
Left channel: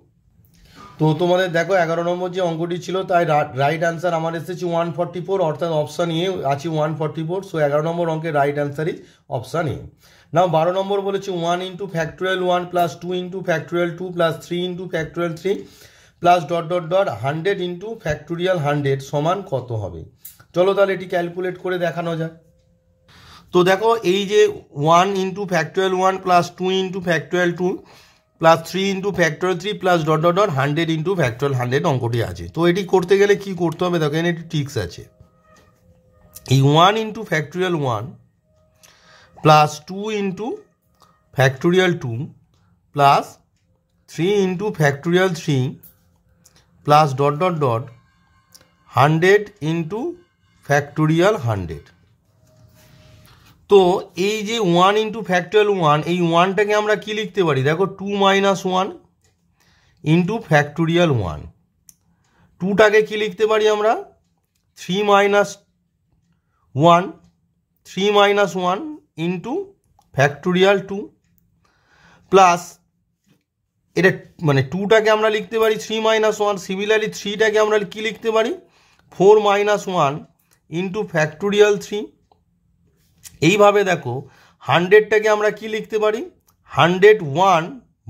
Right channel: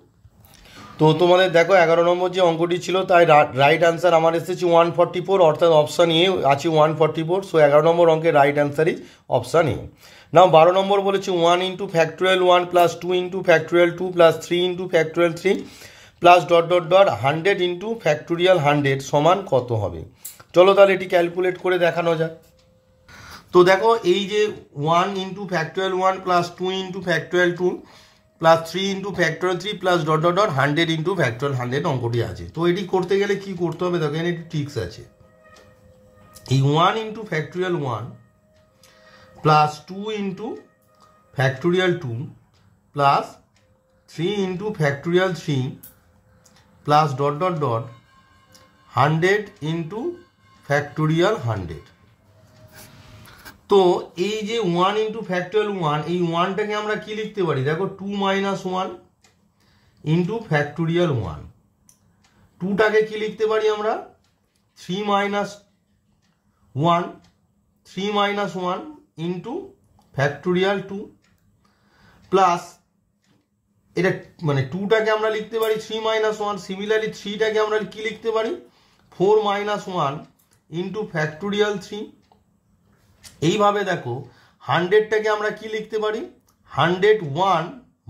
তো তোমাদের দেখো 11 নম্বর যে অঙ্কটি ছিল তাই রাইট আনসার আমার এসেছে 144, অর্থাৎ অপশান এ আছে 144, সো 11 নম্বর অঙ্কের right answer is option A. Now 12 number বলেছে 1 into factorial 1 plus 2 into factorial 2 plus 3 into factorial 3 plus dot dot dot 100 into factorial 100 সমান কত হবে। চলো তাহলে এটি ক্যালকুলেট করে দেখানো যাক। তো দেখো এই যে 1 into factorial 1 plus 2 into factorial 2 plus 3 into factorial 3 plus dot dot dot 100 into factorial 100 অঙ্কটি আছে। তো এটি করতে গেলে কি করতে হবে দেখো, এখানে একটি ট্রিক্স আছে। এই 1 into factorial 1 plus 2 into factorial 2 plus 3 into factorial 3 plus dot dot dot 100 into factorial 100। তো এই যে 1 ইন্টু ফ্যাক্টোরিয়াল 1, এই 1টাকে আমরা কি লিখতে পারি দেখো, 2 মাইনাস 1 ইন্টু ফ্যাক্টোরিয়াল 1, 2টাকে কি লিখতে পারি আমরা 3 minus 1, 3 minus 1 into factorial 2 plus এটা মানে 2টাকে আমরা লিখতে পারি 3 মাইনাস 1, সিমিলারলি 3টাকে আমরা কি লিখতে পারি 4 মাইনাস 1 ইন্টু ফ্যাক্টোরিয়াল 3। এইভাবে দেখো 100টাকে আমরা কি লিখতে পারি 101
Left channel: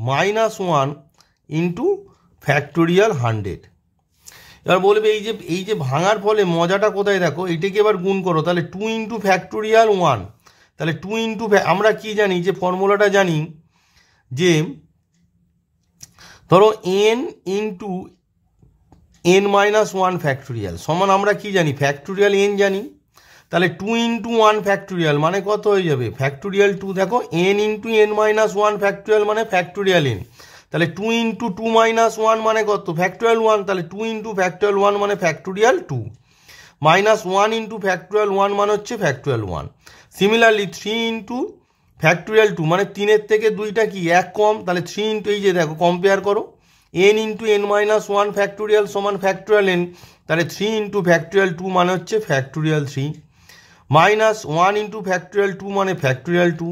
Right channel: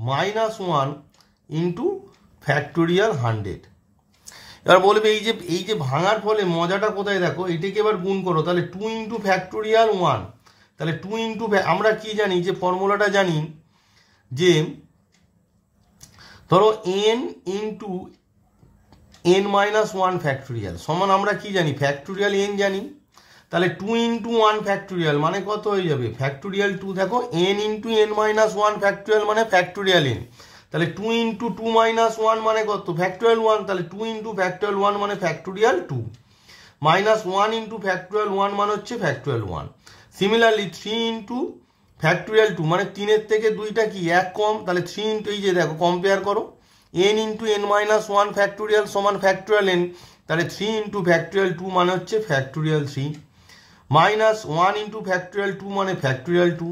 মাইনাস 1 ইন্টু ফ্যাক্টোরিয়াল 100। এবার বলবে এই যে ভাঙার ফলে মজাটা কোথায় দেখো, এটাকে এবার গুণ করো, তাহলে 2 ইন্টু ফ্যাক্টোরিয়াল 1, তাহলে 2 ইন্টু আমরা কি জানি যে ফর্মুলাটা জানি যে ধরো n into n minus 1 factorial সমান আমরা কি জানি ফ্যাক্টোরিয়াল n জানি, তাহলে 2 ইন্টু 1 ফ্যাক্টোরিয়াল মানে কত হয়ে যাবে ফ্যাক্টোরিয়াল 2, দেখো n into n minus 1 factorial মানে ফ্যাক্টোরিয়াল n, তাহলে 2 ইন্টু 2 মাইনাস 1 মানে কত ফ্যাক্টোরিয়াল 1, তাহলে 2 ইন্টু ফ্যাক্টোরিয়াল 1 মানে ফ্যাক্টোরিয়াল 2 মাইনাস 1 ইন্টু ফ্যাক্টোরিয়াল 1 মানে হচ্ছে ফ্যাক্টোরিয়াল 1। সিমিলারলি 3 ইন্টু ফ্যাক্টোরিয়াল 2 মানে 3-এর থেকে 2টা কি 1 কম, তাহলে 3 ইন্টু এই যে দেখো কম্পেয়ার করো n into n minus 1 factorial সমান ফ্যাক্টোরিয়াল n, তাহলে 3 ইন্টু ফ্যাক্টোরিয়াল 2 মানে হচ্ছে ফ্যাক্টোরিয়াল 3 মাইনাস 1 ইন্টু ফ্যাক্টোরিয়াল 2 মানে ফ্যাক্টোরিয়াল 2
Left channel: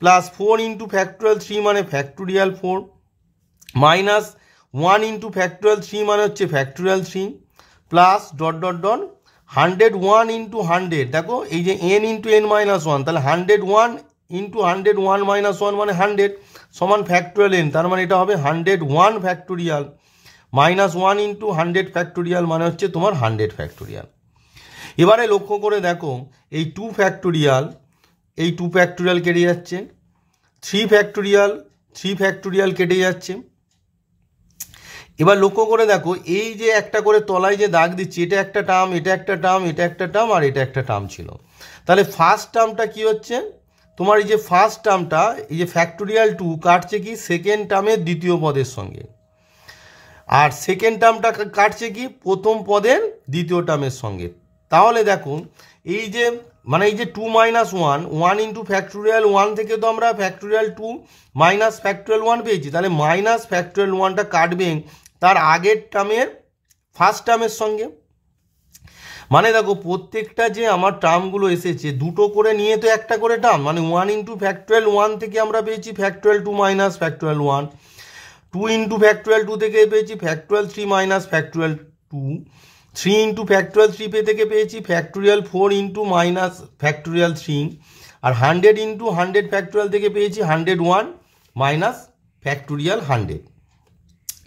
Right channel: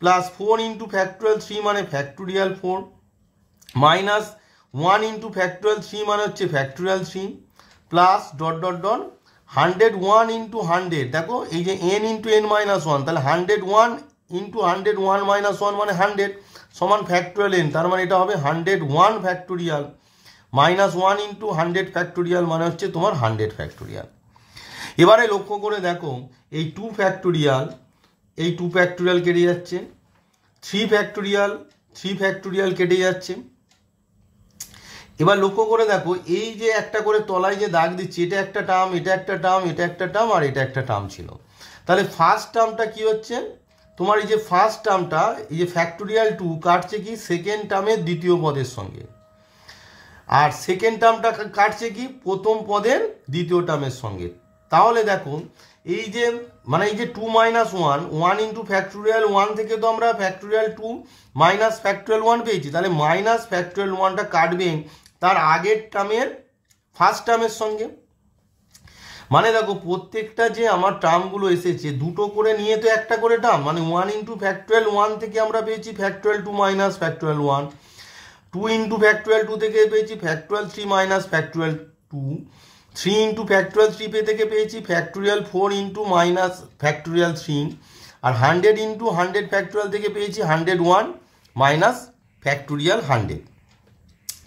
প্লাস 4 ইন্টু ফ্যাক্টোরিয়াল 3 মানে ফ্যাক্টোরিয়াল 4 মাইনাস 1 ইন্টু ফ্যাক্টোরিয়াল 3 মানে হচ্ছে factorial 3 plus dot dot dot 101 into 100, দেখো এই যে n ইন্টু n মাইনাস 1, তাহলে 101 ইন্টু 101 মাইনাস 1 মানে 100 সমান ফ্যাক্টোরিয়াল n, তার মানে এটা হবে 101 ফ্যাক্টোরিয়াল মাইনাস 1 ইন্টু 100 ফ্যাক্টোরিয়াল মানে হচ্ছে তোমার 100 ফ্যাক্টোরিয়াল। এবারে লক্ষ্য করে দেখো এই 2 ফ্যাক্টোরিয়াল কেটে যাচ্ছে, 3 ফ্যাক্টোরিয়াল কেটে যাচ্ছে। এবার লক্ষ্য করে দেখো এই যে একটা করে তলায় যে দাগ দিচ্ছি এটা একটা টার্ম, এটা একটা টার্ম, এটা একটা টার্ম আর এটা একটা টার্ম ছিল, তাহলে ফার্স্ট টার্মটা কি হচ্ছে তোমার এই যে ফার্স্ট টার্মটা এই যে ফ্যাক্টোরিয়াল 2 কাটছে কি সেকেন্ড টার্মের দ্বিতীয় পদের সঙ্গে, আর সেকেন্ড টার্মটা কাটছে কি প্রথম পদের দ্বিতীয় টার্মের সঙ্গে। তাহলে দেখো এই যে মানে এই যে 2 মাইনাস 1 ইন্টু ফ্যাক্টোরিয়াল 1 থেকে তো আমরা ফ্যাক্টোরিয়াল 2 মাইনাস ফ্যাক্টোরিয়াল 1 পেয়েছি, তাহলে মাইনাস ফ্যাক্টোরিয়াল 1টা কাটবে তার আগের টার্মের ফার্স্ট টার্মের সঙ্গে। মানে দেখো প্রত্যেকটা যে আমার টার্মগুলো এসেছে দুটো করে নিয়ে তো একটা করে টার্ম, মানে 1 ইন্টু ফ্যাক্টোরিয়াল 1 থেকে আমরা পেয়েছি factorial 2 minus factorial 1, 2 into factorial 2 থেকে পেয়েছি factorial 3 minus factorial 2, 3 into factorial 3 থেকে পেয়েছি ফ্যাক্টোরিয়াল 4 ইন্টু মাইনাস ফ্যাক্টোরিয়াল 3, আর 100 ইন্টু 100 ফ্যাক্টোরিয়াল থেকে পেয়েছি 101 মাইনাস ফ্যাক্টোরিয়াল 100।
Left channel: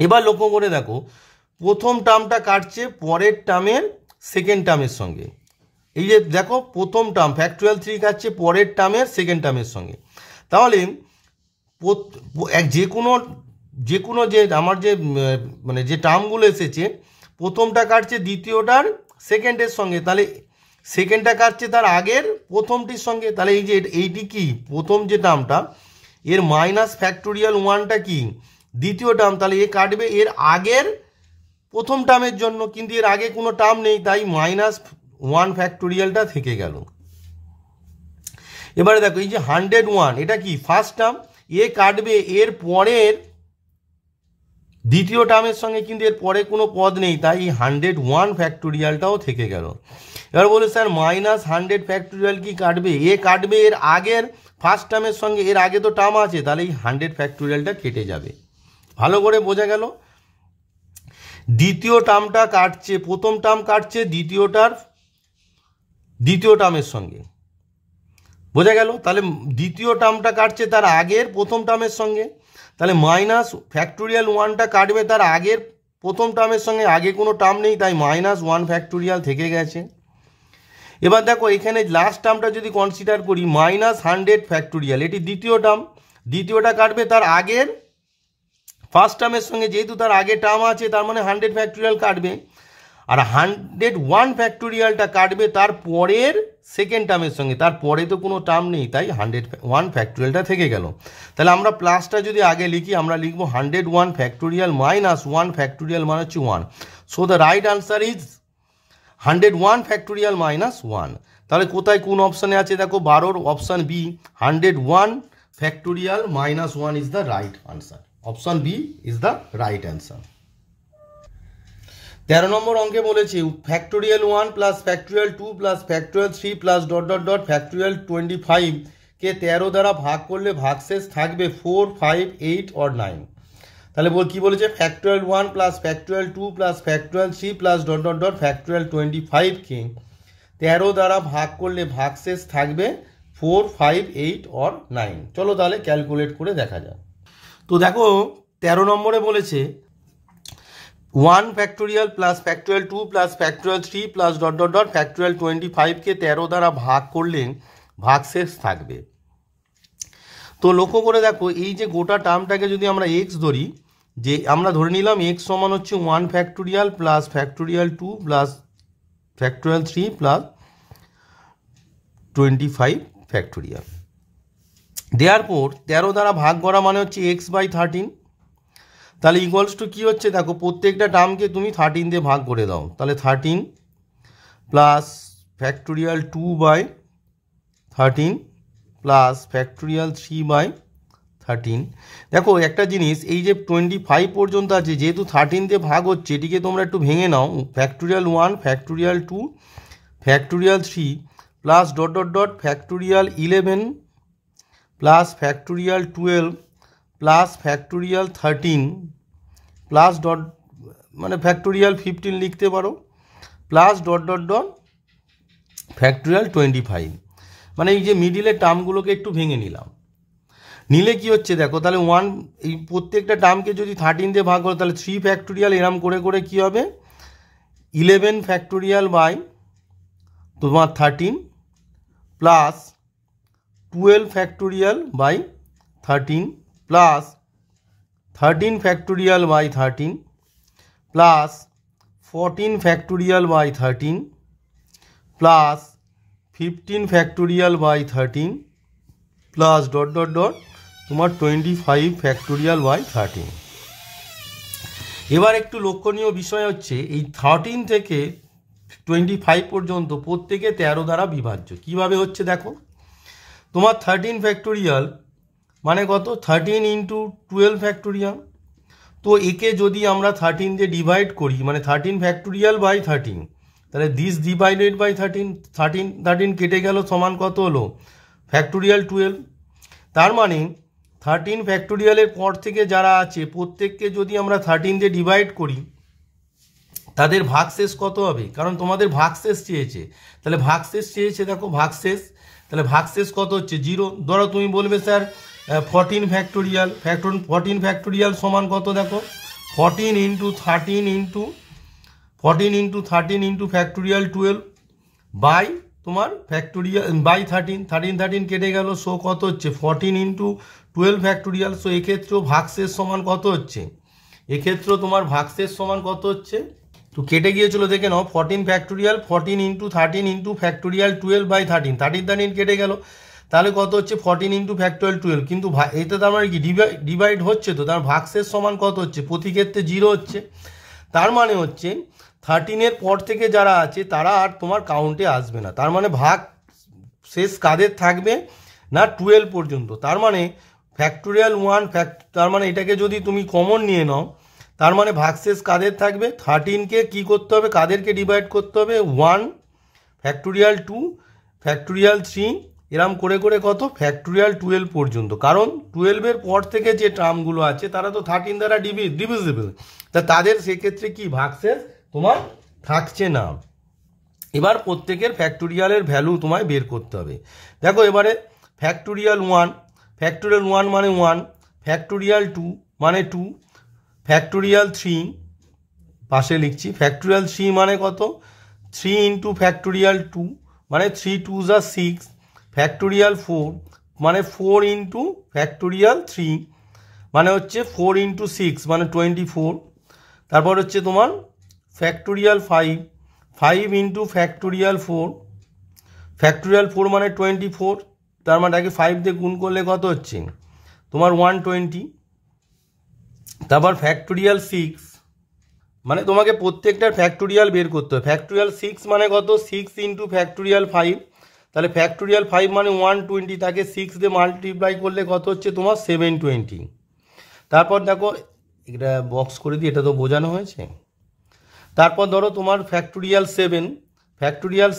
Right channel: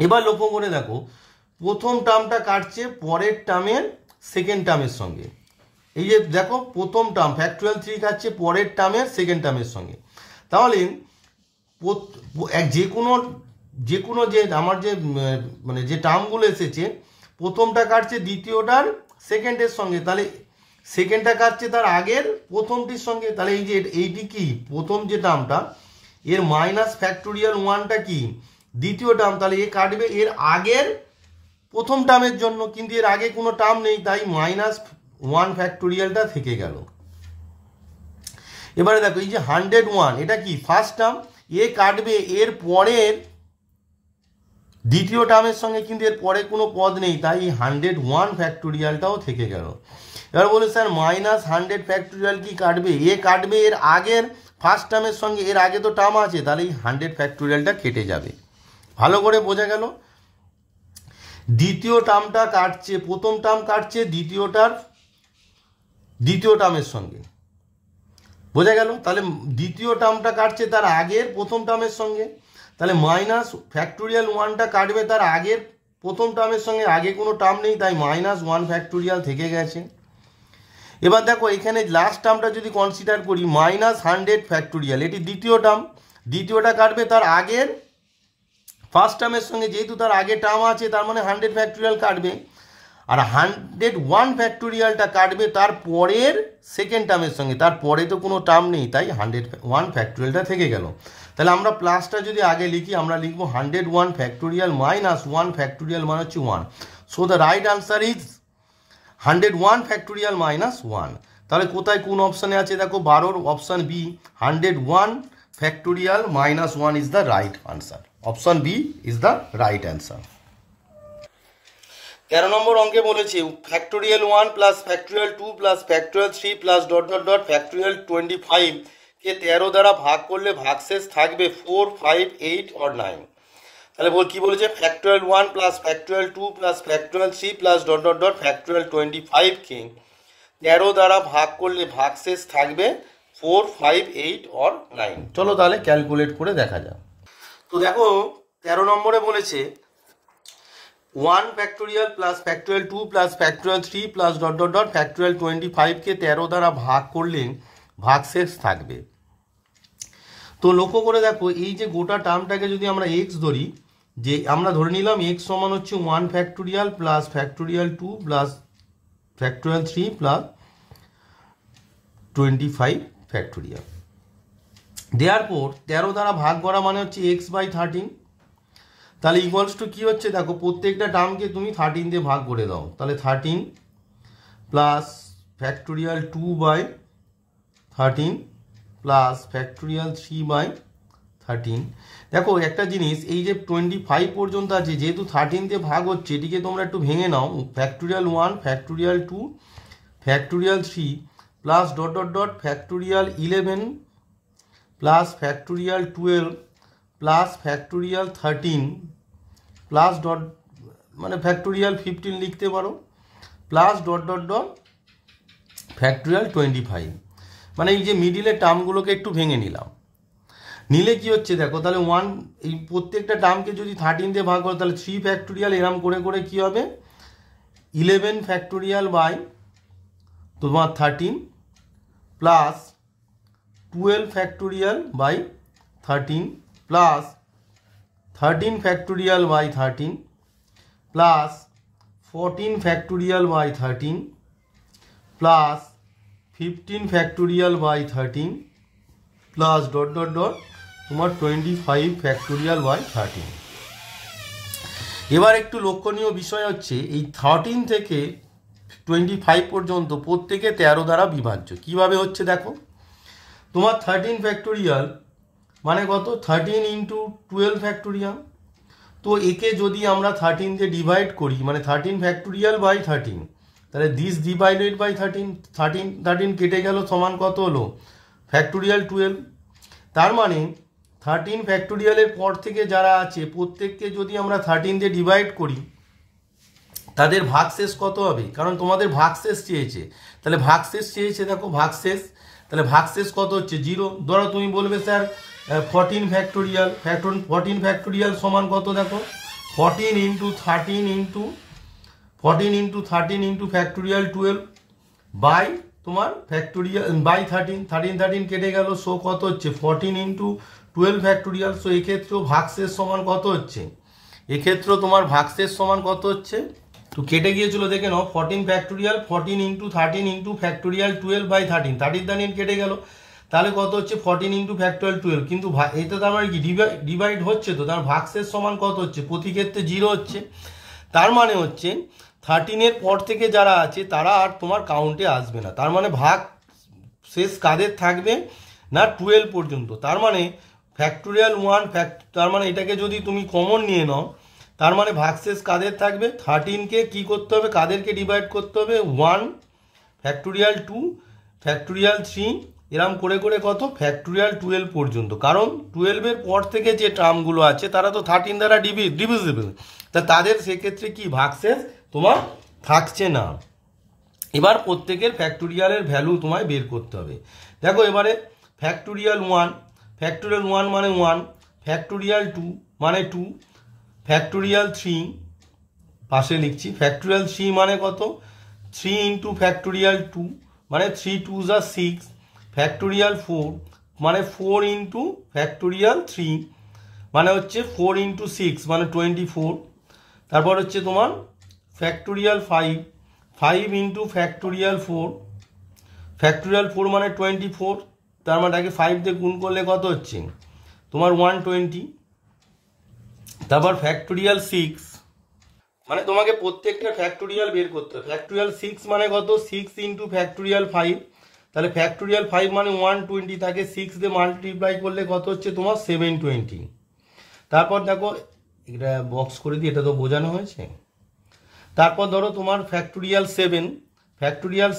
এবার লক্ষ্য করে দেখো প্রথম টার্মটা কাটছে পরের টার্মের সেকেন্ড টার্মের সঙ্গে। এই যে দেখো প্রথম টার্ম ফ্যাক্টোরিয়াল 3 কাটছে পরের টার্মের সেকেন্ড টার্মের সঙ্গে। তাহলে যে কোনো যে আমার যে মানে যে টার্মগুলো এসেছে প্রথমটা কাটছে দ্বিতীয়টার সেকেন্ডের সঙ্গে, তাহলে সেকেন্ডটা কাটছে তার আগের প্রথমটির সঙ্গে। তাহলে এই যে এইটি কি প্রথম যে টার্মটা এর মাইনাস ফ্যাক্টোরিয়াল 1টা কি দ্বিতীয় টার্ম, তাহলে এ কাটবে এর আগের প্রথম টার্মের জন্য, কিন্তু এর আগে কোনো টার্ম নেই তাই -1 ফ্যাক্টোরিয়ালটা থেকে গেল। এবারে দেখো এই যে 101 এটা কি ফার্স্ট টার্ম, এ কাটবে এর পরের দ্বিতীয় টার্মের সঙ্গে, কিন্তু এর পরে কোনো পদ নেই তাই 101 ফ্যাক্টোরিয়ালটাও থেকে গেল। এবার বলে স্যার -100 ফ্যাক্টোরিয়াল কি কাটবে, এ কাটবে এর আগের ফার্স্ট টার্মের সঙ্গে, এর আগে তো টার্ম আছে তাহলে এই 100 ফ্যাক্টোরিয়ালটা কেটে যাবে। ভালো করে বোঝা গেল? দ্বিতীয় টার্মটা কাটছে প্রথম টার্ম কাটছে দ্বিতীয় টার্মের সঙ্গে, বোঝা গেল? তাহলে দ্বিতীয় টার্মটা কাটছে তার আগের প্রথম টার্মের সঙ্গে, তাহলে মাইনাস ফ্যাক্টোরিয়াল 1টা কাটবে তার আগের প্রথম টার্মের সঙ্গে, আগে কোনো টার্ম নেই তাই -1 ফ্যাক্টোরিয়াল থেকে গেছে। এবার দেখো এখানে লাস্ট টার্মটা যদি কনসিডার করি -100 ফ্যাক্টোরিয়াল, এটি দ্বিতীয় টার্ম, দ্বিতীয়টা কাটবে তার আগের ফার্স্ট টার্মের সঙ্গে, যেহেতু তার আগে টার্ম আছে তার মানে 100 ফ্যাক্টোরিয়াল কাটবে, আর 101 ফ্যাক্টোরিয়ালটা কাটবে তার পরের সেকেন্ড টার্মের সঙ্গে, তার পরে তো কোনো টার্ম নেই তাই 101 ফ্যাক্টোরিয়ালটা থেকে গেল। তাহলে আমরা প্লাসটা যদি আগে লিখি আমরা লিখবো 101 ফ্যাক্টোরিয়াল -1 ফ্যাক্টোরিয়াল মানে হচ্ছে 1। So the right answer is 101 factorial -1। তাহলে কোথায় কোন অপশানে আছে দেখো 12 option B, 101 factorial -1 is the right answer. Option B is the right answer. 13 নম্বর অঙ্কে বলেছে factorial 1 plus factorial 2 plus factorial 3 plus ... factorial 25 কে 13 দ্বারা ভাগ করলে ভাগশেষ থাকবে 4, 5, 8 or 9। তাহলে কি বলেছে factorial 1 plus factorial 2 plus factorial 3 plus ... factorial 25 কে 13 দ্বারা ভাগ করলে ভাগশেষ থাকবে 4, 5, 8 or 9। চলো তাহলে ক্যালকুলেট করে দেখা যাক। তো দেখো 13 নম্বরে বলেছে 1 factorial plus factorial 2 plus factorial 3 plus ... factorial 25 কে 13 দ্বারা ভাগ করলে ভাগশেষ থাকবে। তো লক্ষ্য করে দেখো এই যে গোটা টার্মটাকে যদি আমরা এক্স ধরি, যে আমরা ধরে নিলাম এক্স সমান হচ্ছে 1 factorial plus factorial 2 plus factorial 3 plus 25 factorial. দেওয়ার পর 13 দ্বারা ভাগ করা মানে হচ্ছে x/13। তাহলে ইকুয়ালস টু কী হচ্ছে দেখো প্রত্যেকটা টার্মকে তুমি 13 দিয়ে ভাগ করে দাও, তাহলে 13 প্লাস ফ্যাক্টোরিয়াল 2/13 প্লাস ফ্যাক্টোরিয়াল 3/13। দেখো একটা জিনিস এই যে 25 পর্যন্ত আছে যেহেতু 13 দিয়ে ভাগ হচ্ছে এটিকে তোমরা একটু ভেঙে নাও, factorial 1 factorial 2 factorial 3 plus ... factorial 11 plus factorial 12 plus factorial 13 plus মানে ফ্যাক্টোরিয়াল 15 লিখতে পারো প্লাস ... ফ্যাক্টোরিয়াল 25। মানে এই যে মিডিলের টার্মগুলোকে একটু ভেঙে নিলে কি হচ্ছে দেখো তাহলে 1 এই প্রত্যেকটা টার্মকে যদি 13 দিয়ে ভাগ করো তাহলে 3 ফ্যাক্টোরিয়াল এরম করে করে কি হবে 11 ফ্যাক্টোরিয়াল বাই তোমার 13 plus 12 factorial by 13 plus 13 factorial by 13 plus 14 factorial by 13 plus 15 factorial by 13 plus ... তোমার 25 ফ্যাক্টোরিয়াল বাই 13। এবার একটু লক্ষণীয় বিষয় হচ্ছে এই 13 থেকে 25 পর্যন্ত প্রত্যেকে 13 দ্বারা বিভাজ্য। কিভাবে হচ্ছে দেখো তোমার 13 ফ্যাক্টোরিয়াল মানে কত 13 ইন্টু 12 ফ্যাক্টোরিয়াল, তো একে যদি আমরা 13 দিয়ে ডিভাইড করি মানে 13 ফ্যাক্টোরিয়াল বাই 13, তাহলে দিস ডিভাইডেড বাই 13 কেটে গেল সমান কত হলো ফ্যাক্টোরিয়াল 12। তার মানে 13 ফ্যাক্টোরিয়ালের পর থেকে যারা আছে প্রত্যেককে যদি আমরা 13 দিয়ে ডিভাইড করি তাদের ভাগশেষ কত হবে, কারণ তোমাদের ভাগশেষ চেয়েছে, তাহলে ভাগশেষ চেয়েছে দেখো ভাগশেষ, তাহলে ভাগশেষ কত হচ্ছে 0। ধরো তুমি বলবে স্যার 14 ফ্যাক্টোরিয়াল, 14 ফ্যাক্টোরিয়াল সমান কত, দেখো 14 ইন্টু 13 ইন্টু ফ্যাক্টোরিয়াল 12 বাই তোমার ফ্যাক্টোরিয়াল বাই 13 কেটে গেল, সো কত হচ্ছে 14 ইন্টু 12 ফ্যাক্টোরিয়াল। সো এক্ষেত্রেও ভাগশেষ সমান কত হচ্ছে, এক্ষেত্রেও তোমার ভাগশেষ সমান কত হচ্ছে, তো কেটে গিয়েছিল দেখে নাও 14 factorial 14 into 13 into factorial 12 by 13 কেটে গেল, তাহলে কত হচ্ছে 14 ইন্টু ফ্যাক্টোরিয়াল 12। কিন্তু এটা তো আমার কি ডিভাইড হচ্ছে, তো তার ভাগশেষ সমান কত হচ্ছে, প্রতি ক্ষেত্রে 0 হচ্ছে। তার মানে হচ্ছে 13-এর পর থেকে যারা আছে তারা আর তোমার কাউন্টে আসবে না। তার মানে ভাগ শেষ কাদের থাকবে না 12 পর্যন্ত। তার মানে ফ্যাক্টোরিয়াল 1 তার মানে এটাকে যদি তুমি কমন নিয়ে নাও, তার মানে ভাগশেষ কাদের থাকবে 13কে কি করতে হবে, কাদেরকে ডিভাইড করতে হবে 1 ফ্যাক্টোরিয়াল 2 ফ্যাক্টোরিয়াল 3 এরম করে করে কত ফ্যাক্টোরিয়াল 12 পর্যন্ত। কারণ 12-এর পর থেকে যে টার্মগুলো আছে তারা তো 13 দ্বারা ডিভিজিবল, তা তাদের সেক্ষেত্রে কি ভাগশেষ তোমার থাকছে না। এবার প্রত্যেকের ফ্যাক্টোরিয়ালের ভ্যালু তোমায় বের করতে হবে। দেখো এবারে ফ্যাক্টোরিয়াল 1 মানে 1, ফ্যাক্টোরিয়াল 2 মানে 2, ফ্যাক্টোরিয়াল 3 পাশে লিখছি, ফ্যাক্টোরিয়াল 3 মানে কত 3 ইন্টু ফ্যাক্টোরিয়াল 2 মানে 3 2 যা 6, ফ্যাক্টোরিয়াল 4 মানে 4 ইন্টু ফ্যাক্টোরিয়াল 3 মানে হচ্ছে 4 ইন্টু 6 মানে 24। তারপর হচ্ছে তোমার ফ্যাক্টোরিয়াল 5 ইন্টু ফ্যাক্টোরিয়াল 4 মানে 24, তার মানে 5 দিয়ে গুণ করলে কত হচ্ছে তোমার 120। তারপর ফ্যাক্টোরিয়াল 6 মানে তোমাকে প্রত্যেকটার ফ্যাক্টোরিয়াল বের করতে হবে। ফ্যাক্টোরিয়াল 6 মানে কত 6 ইন্টু ফ্যাক্টোরিয়াল 5, তাহলে ফ্যাক্টোরিয়াল 5 মানে 120, তাকে 6 দিয়ে মাল্টিপ্লাই করলে কত হচ্ছে তোমার 720। তারপর দেখো এটা বক্স করে দিই, এটা তো বোঝানো হয়েছে। তারপর ধরো তোমার ফ্যাক্টোরিয়াল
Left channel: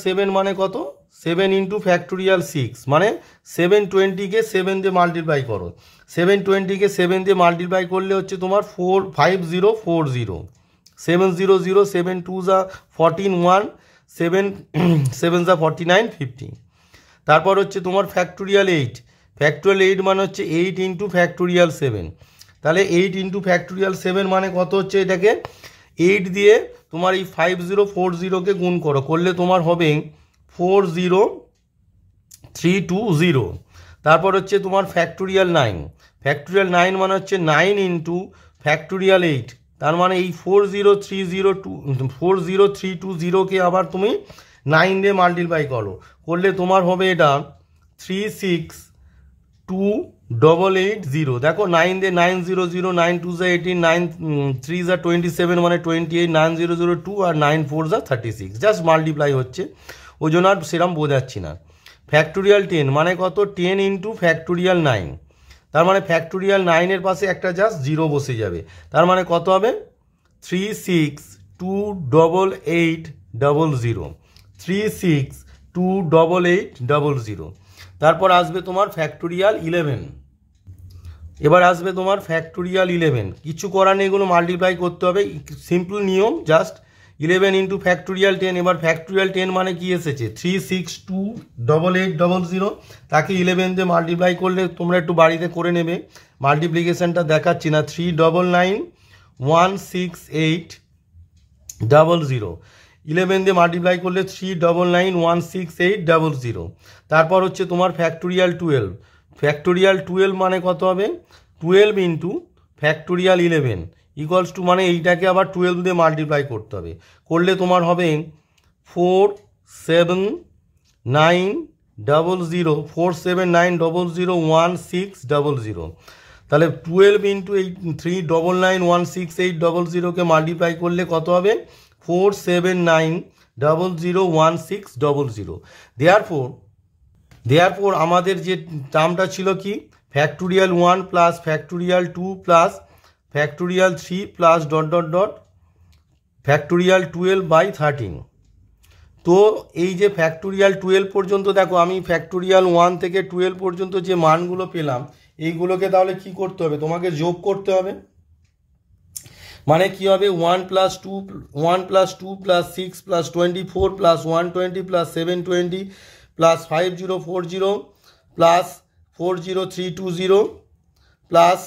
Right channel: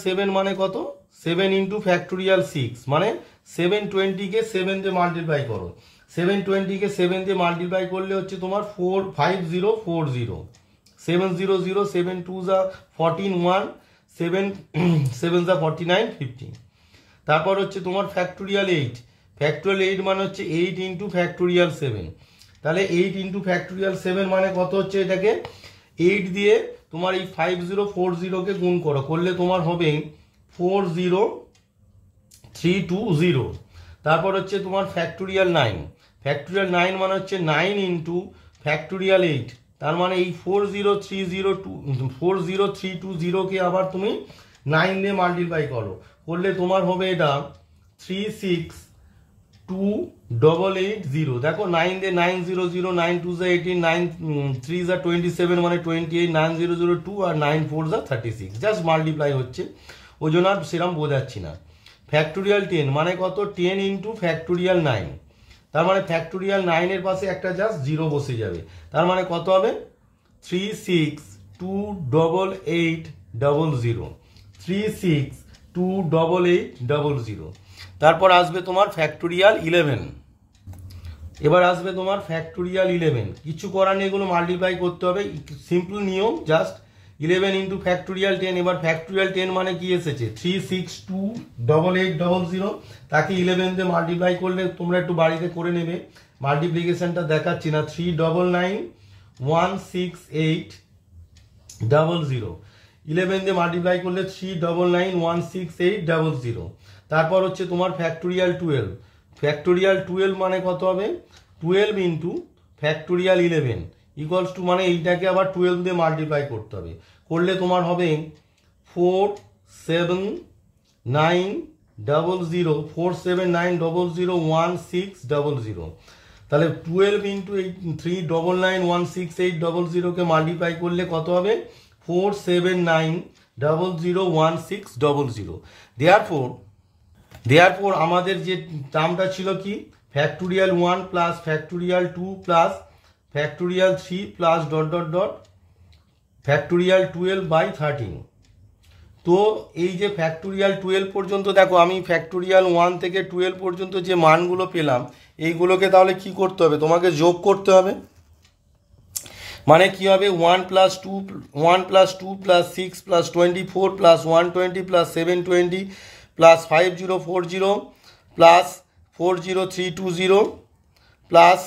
7 মানে কত 7 ইন্টু ফ্যাক্টোরিয়াল 6 মানে 720-কে 7 দিয়ে মাল্টিপ্লাই করো, 720-কে 7 দিয়ে মাল্টিপ্লাই করলে হচ্ছে তোমার 5040 700 7 2 যা 14 1 7 7 যা 49 50। তারপর হচ্ছে তোমার ফ্যাক্টোরিয়াল 8 মানে হচ্ছে 8 ইন্টু ফ্যাক্টোরিয়াল 7, তাহলে 8 ইন্টু ফ্যাক্টোরিয়াল 7 মানে কত হচ্ছে, এটাকে 8 দিয়ে তোমার এই 5040-কে গুণ করলে তোমার হবে 40320। তারপর হচ্ছে তোমার ফ্যাক্টোরিয়াল 9 মানে হচ্ছে 9 ইন্টু ফ্যাক্টোরিয়াল 8, তার মানে এই 40320-কে আবার তুমি 9 দিয়ে মাল্টিপ্লাই করলে তোমার হবে এটা 3628880। দেখো 9 দিয়ে 900 9 2 যা 18 9 3 যা 27 মানে 28 9002 আর 9 4 যা 36, জাস্ট মাল্টিপ্লাই হচ্ছে, ওই জন্য আর সেরকম বোঝাচ্ছি না। ফ্যাক্টোরিয়াল 10 মানে কত 10 ইন্টু ফ্যাক্টোরিয়াল 9, তার মানে ফ্যাক্টোরিয়াল 9-এর পাশে একটা জাস্ট 0 বসে যাবে, তার মানে কত হবে 3628800 3628800। তারপর আসবে তোমার ফ্যাক্টোরিয়াল 11, এবার আসবে তোমার ফ্যাক্টোরিয়াল 11, কিছু করার নেই, এগুলো মাল্টিপ্লাই করতে হবে, সিম্পল নিয়ম জাস্ট 11 ইন্টু ফ্যাক্টোরিয়াল 10। এবার ফ্যাক্টোরিয়াল 10 মানে কি এসেছে 3628800, তাকে 11 দিয়ে মাল্টিপ্লাই করলে তোমরা একটু বাড়িতে করে নেবে, মাল্টিপ্লিকেশনটা দেখাচ্ছি না, 399168000, 11 দিয়ে মাল্টিপ্লাই করলে 399168000। তারপর হচ্ছে তোমার ফ্যাক্টোরিয়াল 12 মানে কত হবে 12 ইন্টু ফ্যাক্টোরিয়াল 11 ইকুয়ালস টু, মানে এইটাকে আবার 12 দিয়ে মাল্টিপ্লাই করতে হবে, করলে তোমার হবে 47900 তাহলে 12 ইন্টু এই 399168000-কে মাল্টিপ্লাই করলে কত হবে 479001600। দেয়ারফোর আমাদের যে টার্মটা ছিল কি factorial 1 plus factorial 2 plus factorial 3 plus dot dot dot factorial 12/13। তো এই যে ফ্যাক্টোরিয়াল 12 পর্যন্ত দেখো আমি ফ্যাক্টোরিয়াল 1 থেকে 12 পর্যন্ত যে মানগুলো পেলাম এইগুলোকে তাহলে কি করতে হবে, তোমাকে যোগ করতে হবে, মানে কি হবে 1 + 2 + 6 + 24 + 120 + 720 প্লাস 5040 প্লাস 40320 প্লাস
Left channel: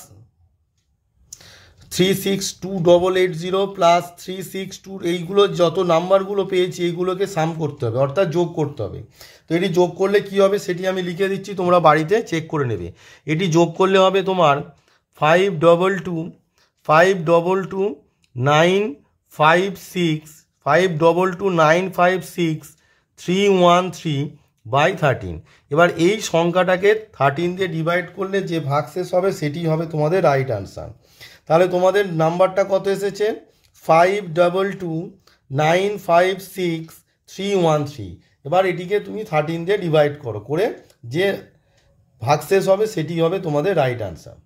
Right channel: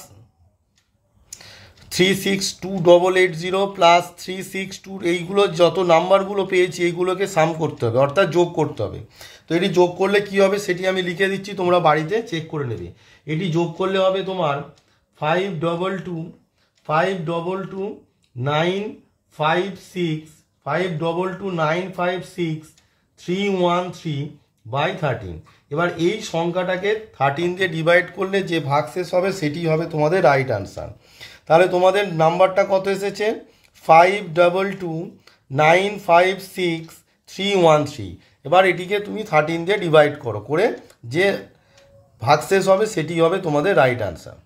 362880 প্লাস 362, এইগুলো যত নাম্বারগুলো পেয়েছি এইগুলোকে সাম করতে হবে, অর্থাৎ যোগ করতে হবে। তো এটি যোগ করলে কি হবে সেটি আমি লিখে দিচ্ছি, তোমরা বাড়িতে চেক করে নেবে। এটি যোগ করলে হবে তোমার 522956313 এবার এই সংখ্যাটাকে 13 দিয়ে ডিভাইড করলে যে ভাগশেষ হবে সেটি হবে তোমাদের রাইট আনসার। তাহলে তোমাদের নাম্বারটা কত এসেছে? 522956313। এবার এটিকে তুমি 13 দিয়ে ডিভাইড করো, করে যে ভাগশেষ হবে সেটি হবে তোমাদের রাইট আনসার।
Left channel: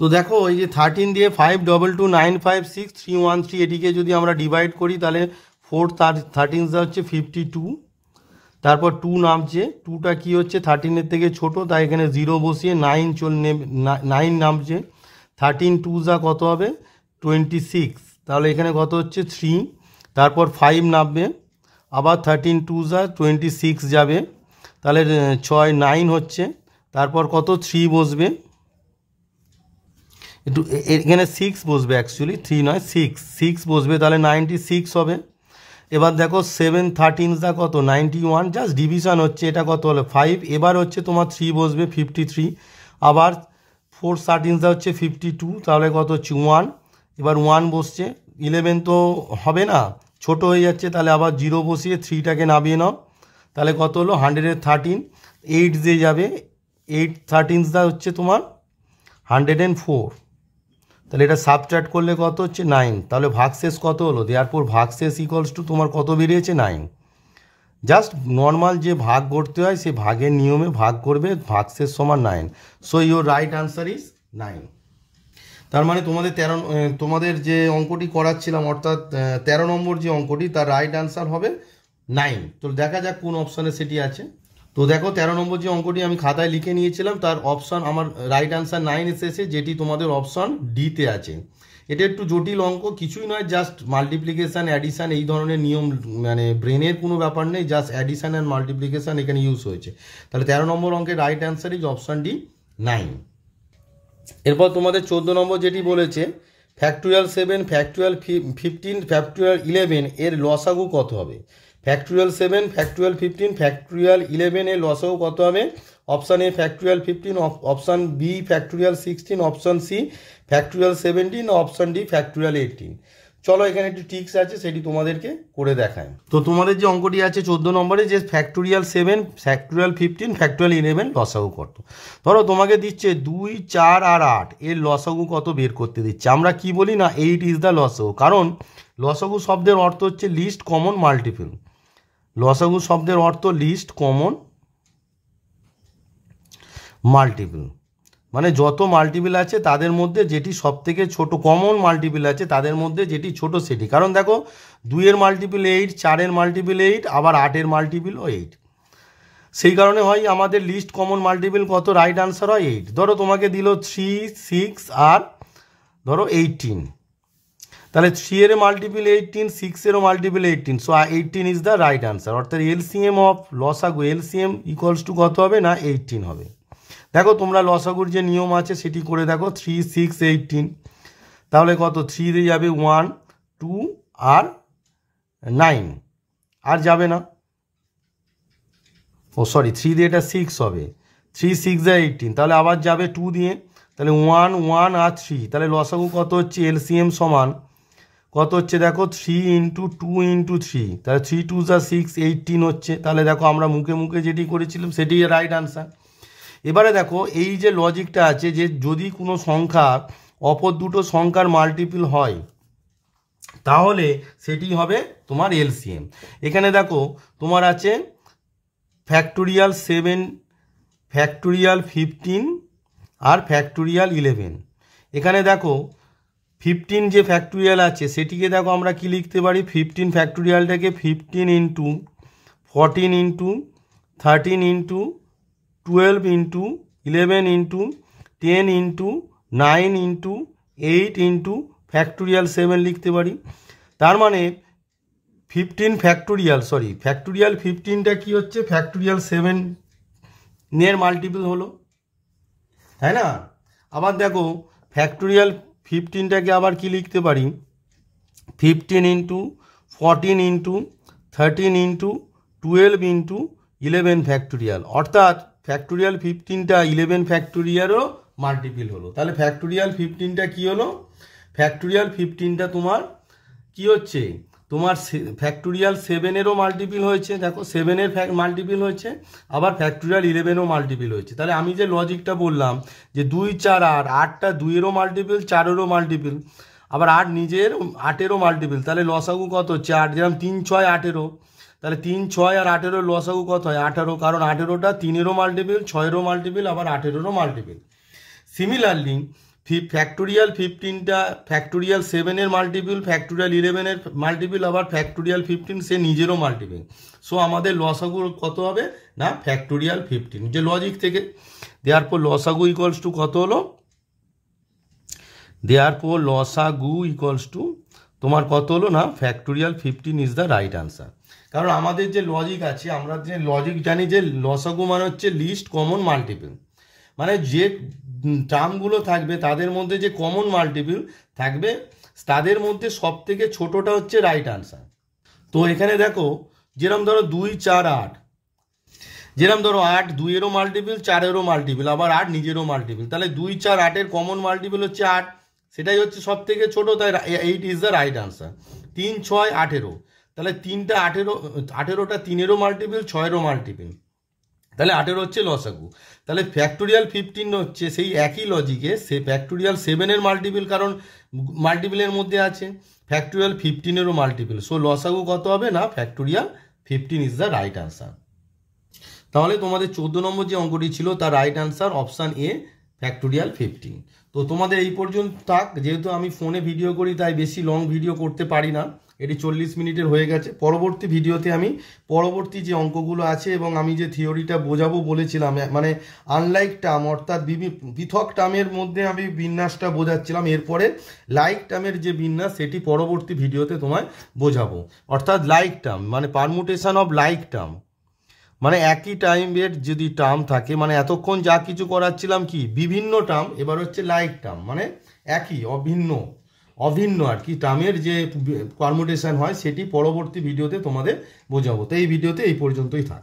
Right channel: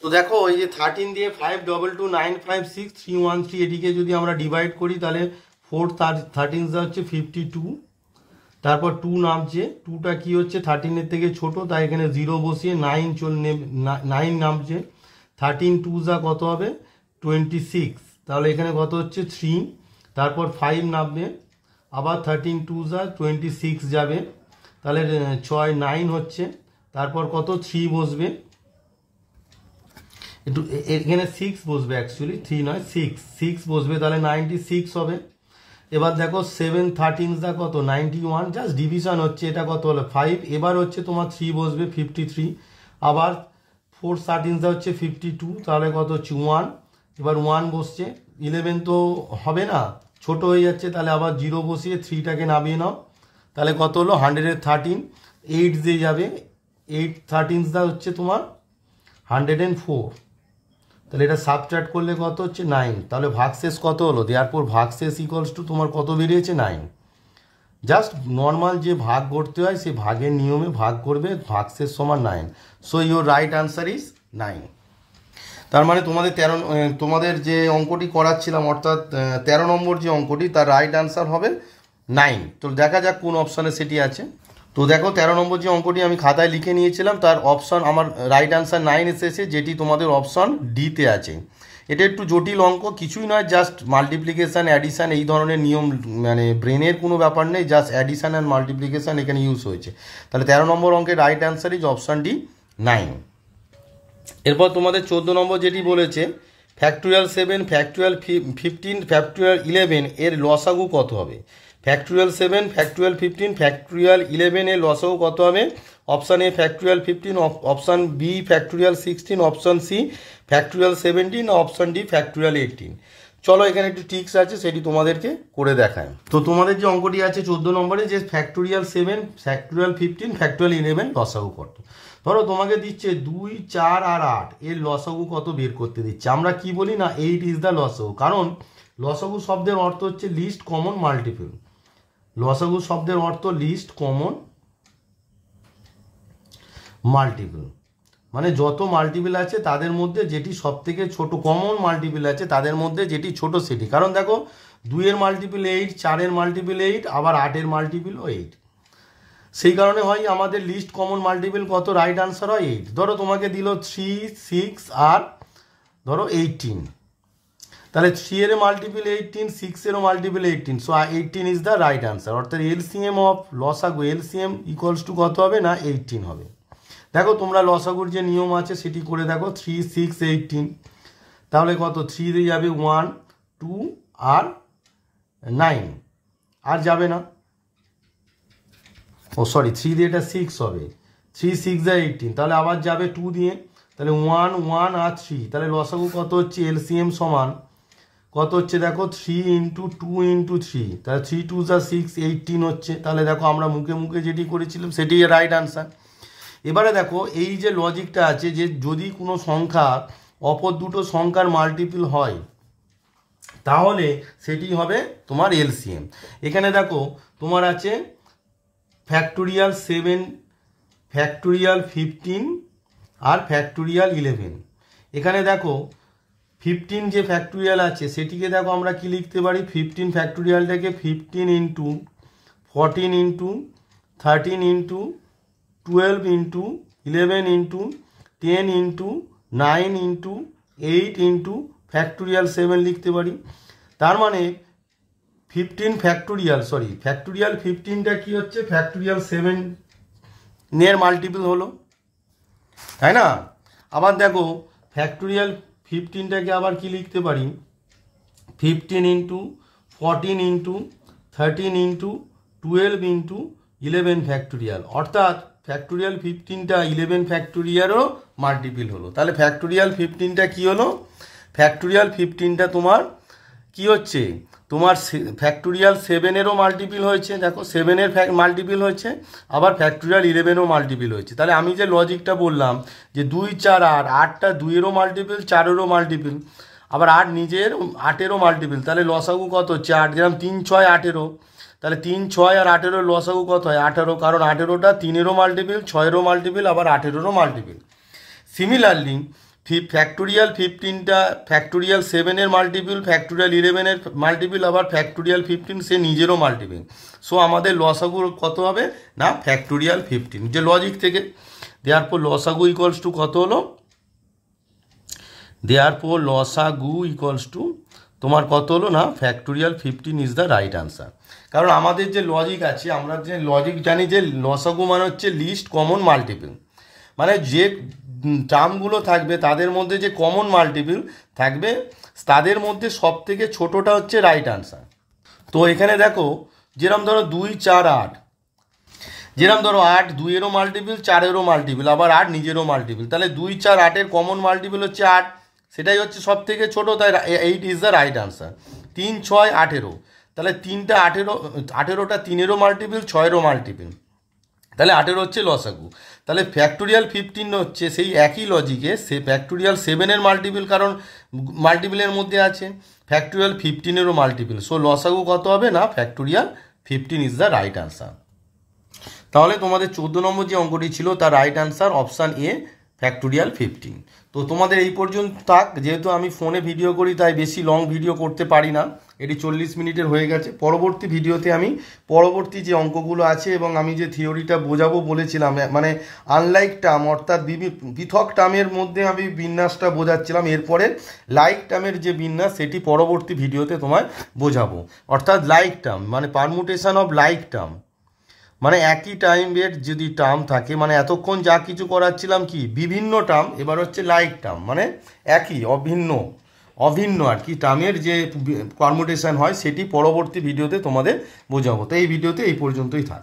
তো দেখো ওই যে 13 দিয়ে 522956313 এটিকে যদি আমরা ডিভাইড করি তাহলে 4 13 হচ্ছে 52, তারপর 2 নামছে, 2টা কি হচ্ছে 13-এর থেকে ছোট, তাই এখানে 0 বসিয়ে 9 নামছে। 13 2 কত হবে 26, তাহলে এখানে কত হচ্ছে 3, তারপর 5 নামবে, আবার 13 2 26 যাবে, তাহলে 6 9 হচ্ছে, তারপর কত 3 বসবে, একটু এখানে 6 বসবে, অ্যাকচুয়ালি 3 নয় 6 বসবে, তাহলে 96 হবে। এবার দেখো 7 13 কত 91, জাস্ট ডিভিশন হচ্ছে, এটা কত হলো 5, এবার হচ্ছে তোমার 3 বসবে 53, আবার 4 13 হচ্ছে 52, তাহলে কত হচ্ছে 1, এবার 1 বসছে, 11 তো হবে না, ছোট হয়ে যাচ্ছে, তাহলে আবার 0 বসিয়ে 3টাকে নামিয়ে নাও, তাহলে কত হলো 113, 8 দিয়ে যাবে, 8 13 হচ্ছে তোমার 104, তাহলে এটা সাবট্র্যাক্ট করলে কত হচ্ছে 9, তাহলে ভাগশেষ কত হলো, দেয়ারপর ভাগশেষ ইকুয়ালস টু তোমার কত বেরিয়েছে 9। জাস্ট নর্মাল যে ভাগ করতে হয় সেই ভাগের নিয়মে ভাগ করবে, ভাগশেষ সমান 9। So your right answer is 9। তার মানে তোমাদের যে অঙ্কটি করাচ্ছিলাম অর্থাৎ 13 নম্বর যে অঙ্কটি তার রাইট আনসার হবে 9। তো দেখা যাক কোন অপশানে সেটি আছে। তো দেখো 13 নম্বর যে অঙ্কটি আমি খাতায় লিখে নিয়েছিলাম তার অপশান আমার রাইট আনসার 9 এসেছে, যেটি তোমাদের অপশান ডিতে আছে। এটা একটু জটিল অঙ্ক, কিছুই নয়, জাস্ট মাল্টিপ্লিকেশান অ্যাডিশান এই ধরনের নিয়ম, মানে ব্রেনের কোনো ব্যাপার নেই, জাস্ট অ্যাডিশান অ্যান্ড মাল্টিপ্লিকেশান এখানে ইউজ হয়েছে। তাহলে 13 নম্বর অঙ্কের right answer is option D 9। এরপর তোমাদের 14 নম্বর যেটি বলেছে ফ্যাক্টোরিয়াল 7 ফ্যাক্টোরিয়াল 15 ফ্যাক্টোরিয়াল 11 এর লসাগু কত হবে। ফ্যাক্টোরিয়াল 7 ফ্যাক্টোরিয়াল 15 ফ্যাক্টোরিয়াল 11 এর লসাগু কত হবে? Option A factorial 15, option B factorial 16, option C factorial 17, option D factorial 18। চলো এখানে একটু ট্রিক্স আছে সেটি তোমাদেরকে করে দেখায়। তো তোমাদের যে অঙ্কটি আছে 14 নম্বরে যে ফ্যাক্টোরিয়াল 7 ফ্যাক্টোরিয়াল 15 ফ্যাক্টোরিয়াল 11 লসাগু কত। ধরো তোমাকে দিচ্ছে 2 4 আর 8 এর লসাগু কত বের করতে দিচ্ছে। আমরা কি বলি না 8 ইজ দ্য লসাগু, কারণ লসাগু শব্দের অর্থ হচ্ছে লিস্ট কমন মাল্টিপল। লসাগু শব্দের অর্থ লিস্ট কমন মাল্টিপল, মানে যত মাল্টিপল আছে তাদের মধ্যে যেটি সব থেকে ছোট, কমন মাল্টিপল আছে তাদের মধ্যে যেটি ছোট সেটি। কারণ দেখো 2-এর মাল্টিপল 8, 4-এর মাল্টিপল 8, আবার 8-এর মাল্টিপল 8, সেই কারণে হয় আমাদের লিস্ট কমন মাল্টিপল কত, রাইট আনসার হয় 8। ধরো তোমাকে দিল 3 6 আর ধরো 18, তাহলে 3-এর মাল্টিপল 18, 6-এরও multiple 18, so 18 is the right answer. অর্থাৎ এলসিএম অফ লসাগু, এলসিএম ইকুয়ালস টু কত হবে না 18 হবে। দেখো তোমরা লসাগুর যে নিয়ম আছে সেটি করে দেখো, 3 6 18, তাহলে কত 3 দিয়ে যাবে 1 2 আর 9, আর যাবে না, ও সরি 3 দিয়ে এটা 6 হবে, 3 6 18, তাহলে আবার যাবে 2 দিয়ে, তাহলে 1 1 আর 3, তাহলে লসাগু কত হচ্ছে এলসিএম সমান কত হচ্ছে দেখো 3 ইন্টু 2 ইন্টু 3, তাহলে 3 2 6 18 হচ্ছে। তাহলে দেখো আমরা মুখে মুখে যেটি করেছিলাম সেটি রাইট আনসার। এবারে দেখো এই যে লজিকটা আছে যে যদি কোনো সংখ্যা অপর দুটো সংখ্যার মাল্টিপল হয় তাহলে সেটি হবে তোমার এলসিএম। এখানে দেখো তোমার আছে ফ্যাক্টোরিয়াল 7 ফ্যাক্টোরিয়াল 15 আর ফ্যাক্টোরিয়াল 11। এখানে দেখো 15 যে ফ্যাক্টোরিয়াল আছে সেটিকে দেখো আমরা কি লিখতে পারি, 15 ফ্যাক্টোরিয়ালটাকে 15 into 14 into 13 into 12 into 11 into 10 into 9 into 8 into factorial 7 লিখতে পারি। তার মানে 15 ফ্যাক্টোরিয়াল ফ্যাক্টোরিয়াল 15টা কি হচ্ছে ফ্যাক্টোরিয়াল 7 এর মাল্টিপল হলো, তাই না? আবার দেখো ফ্যাক্টোরিয়াল 15টাকে আবার কি লিখতে পারি, 15 into 14 into 13 into 12 into 11 factorial, অর্থাৎ ফ্যাক্টোরিয়াল 15টা 11 ফ্যাক্টোরিয়ালও মাল্টিপল হলো। তাহলে ফ্যাক্টোরিয়াল 15টা কি হলো, ফ্যাক্টোরিয়াল 15টা তোমার কি হচ্ছে, তোমার ফ্যাক্টোরিয়াল 7-এরও মাল্টিপল হয়েছে, দেখো 7-এর মাল্টিপল হয়েছে, আবার ফ্যাক্টোরিয়াল 11-ও মাল্টিপল হয়েছে। তাহলে আমি যে লজিকটা বললাম যে 2 4 8, 8টা 2-এরও মাল্টিপল, 4-এরও মাল্টিপল, আবার 8 নিজের 8-এরও মাল্টিপল, তাহলে লসাগু কত হচ্ছে 8, যেরকম 3 6 18, তাহলে 3 6 আর 18 লসাগু কত হয় 18, কারণ 18টা 3-এরও মাল্টিপল, 6-এরও মাল্টিপল, আবার 18-এরও মাল্টিপল। সিমিলারলি ফ্যাক্টোরিয়াল 15টা ফ্যাক্টোরিয়াল 7-এর মাল্টিপল, ফ্যাক্টোরিয়াল 11-এর মাল্টিপল, আবার ফ্যাক্টোরিয়াল 15 সে নিজেরও মাল্টিপল। সো আমাদের লসাগু কত হবে না ফ্যাক্টোরিয়াল 15, যে লজিক থেকে। দেয়ারফর লসাগু ইকুয়ালস টু কত হলো, দেয়ারফর লসাগু ইকুয়ালস টু তোমার কত হলো না factorial 15 is the right answer. কারণ আমাদের যে লজিক আছে, আমরা যে লজিক জানি যে লসাগু মানে হচ্ছে লিস্ট কমন মাল্টিপল, মানে যে টার্মগুলো থাকবে তাদের মধ্যে যে কমন মাল্টিপল থাকবে তাদের মধ্যে সব থেকে ছোটোটা হচ্ছে রাইট আনসার। তো এখানে দেখো যেরকম ধরো 2 4 8, যেরকম ধরো 8 2-এরও মাল্টিপল, 4-এরও মাল্টিপল, আবার 8 নিজেরও মাল্টিপল, তাহলে 2 4 8-এর কমন মাল্টিপল হচ্ছে 8, সেটাই হচ্ছে সব থেকে ছোটো, তাই 8 ইজ দ্য রাইট আনসার। 3 6 18, তাহলে 3টা 18টা 3-এরও মাল্টিপল, 6-এরও মাল্টিপল, তাহলে 18 হচ্ছে লসাগু। তাহলে ফ্যাক্টোরিয়াল 15 হচ্ছে সেই একই লজিকে সে ফ্যাক্টোরিয়াল 7-এর মাল্টিপল, কারণ মাল্টিপলের মধ্যে আছে, ফ্যাক্টোরিয়াল 15-এরও মাল্টিপল। সো লসাগু কত হবে না factorial 15 is the right answer. তাহলে তোমাদের 14 নম্বর যে অঙ্কটি ছিল তার right answer option A factorial 15। তো তোমাদের এই পর্যন্ত থাক, যেহেতু আমি ফোনে ভিডিও করি তাই বেশি লং ভিডিও করতে পারি না, এটি 40 মিনিটের হয়ে গেছে। পরবর্তী ভিডিওতে আমি পরবর্তী যে অঙ্কগুলো আছে এবং আমি যে থিওরিটা বোঝাবো বলেছিলাম, মানে আনলাইক টার্ম অর্থাৎ পৃথক টার্মের মধ্যে আমি বিন্যাসটা বোঝাচ্ছিলাম, এরপরে লাইক টার্মের যে বিন্যাস সেটি পরবর্তী ভিডিওতে তোমায় বোঝাবো। অর্থাৎ লাইক টার্ম মানে পারমুটেশন অফ লাইক টার্ম, মানে একই টাইমের যদি টার্ম থাকে, মানে এতক্ষণ যা কিছু করাচ্ছিলাম কি বিভিন্ন টার্ম, এবার হচ্ছে লাইক টার্ম মানে একই অভিন্ন আর কি টার্মের যে পারমুটেশন হয় সেটি পরবর্তী ভিডিওতে তোমাদের বোঝাবো। তো এই ভিডিওতে এই পর্যন্তই থাক।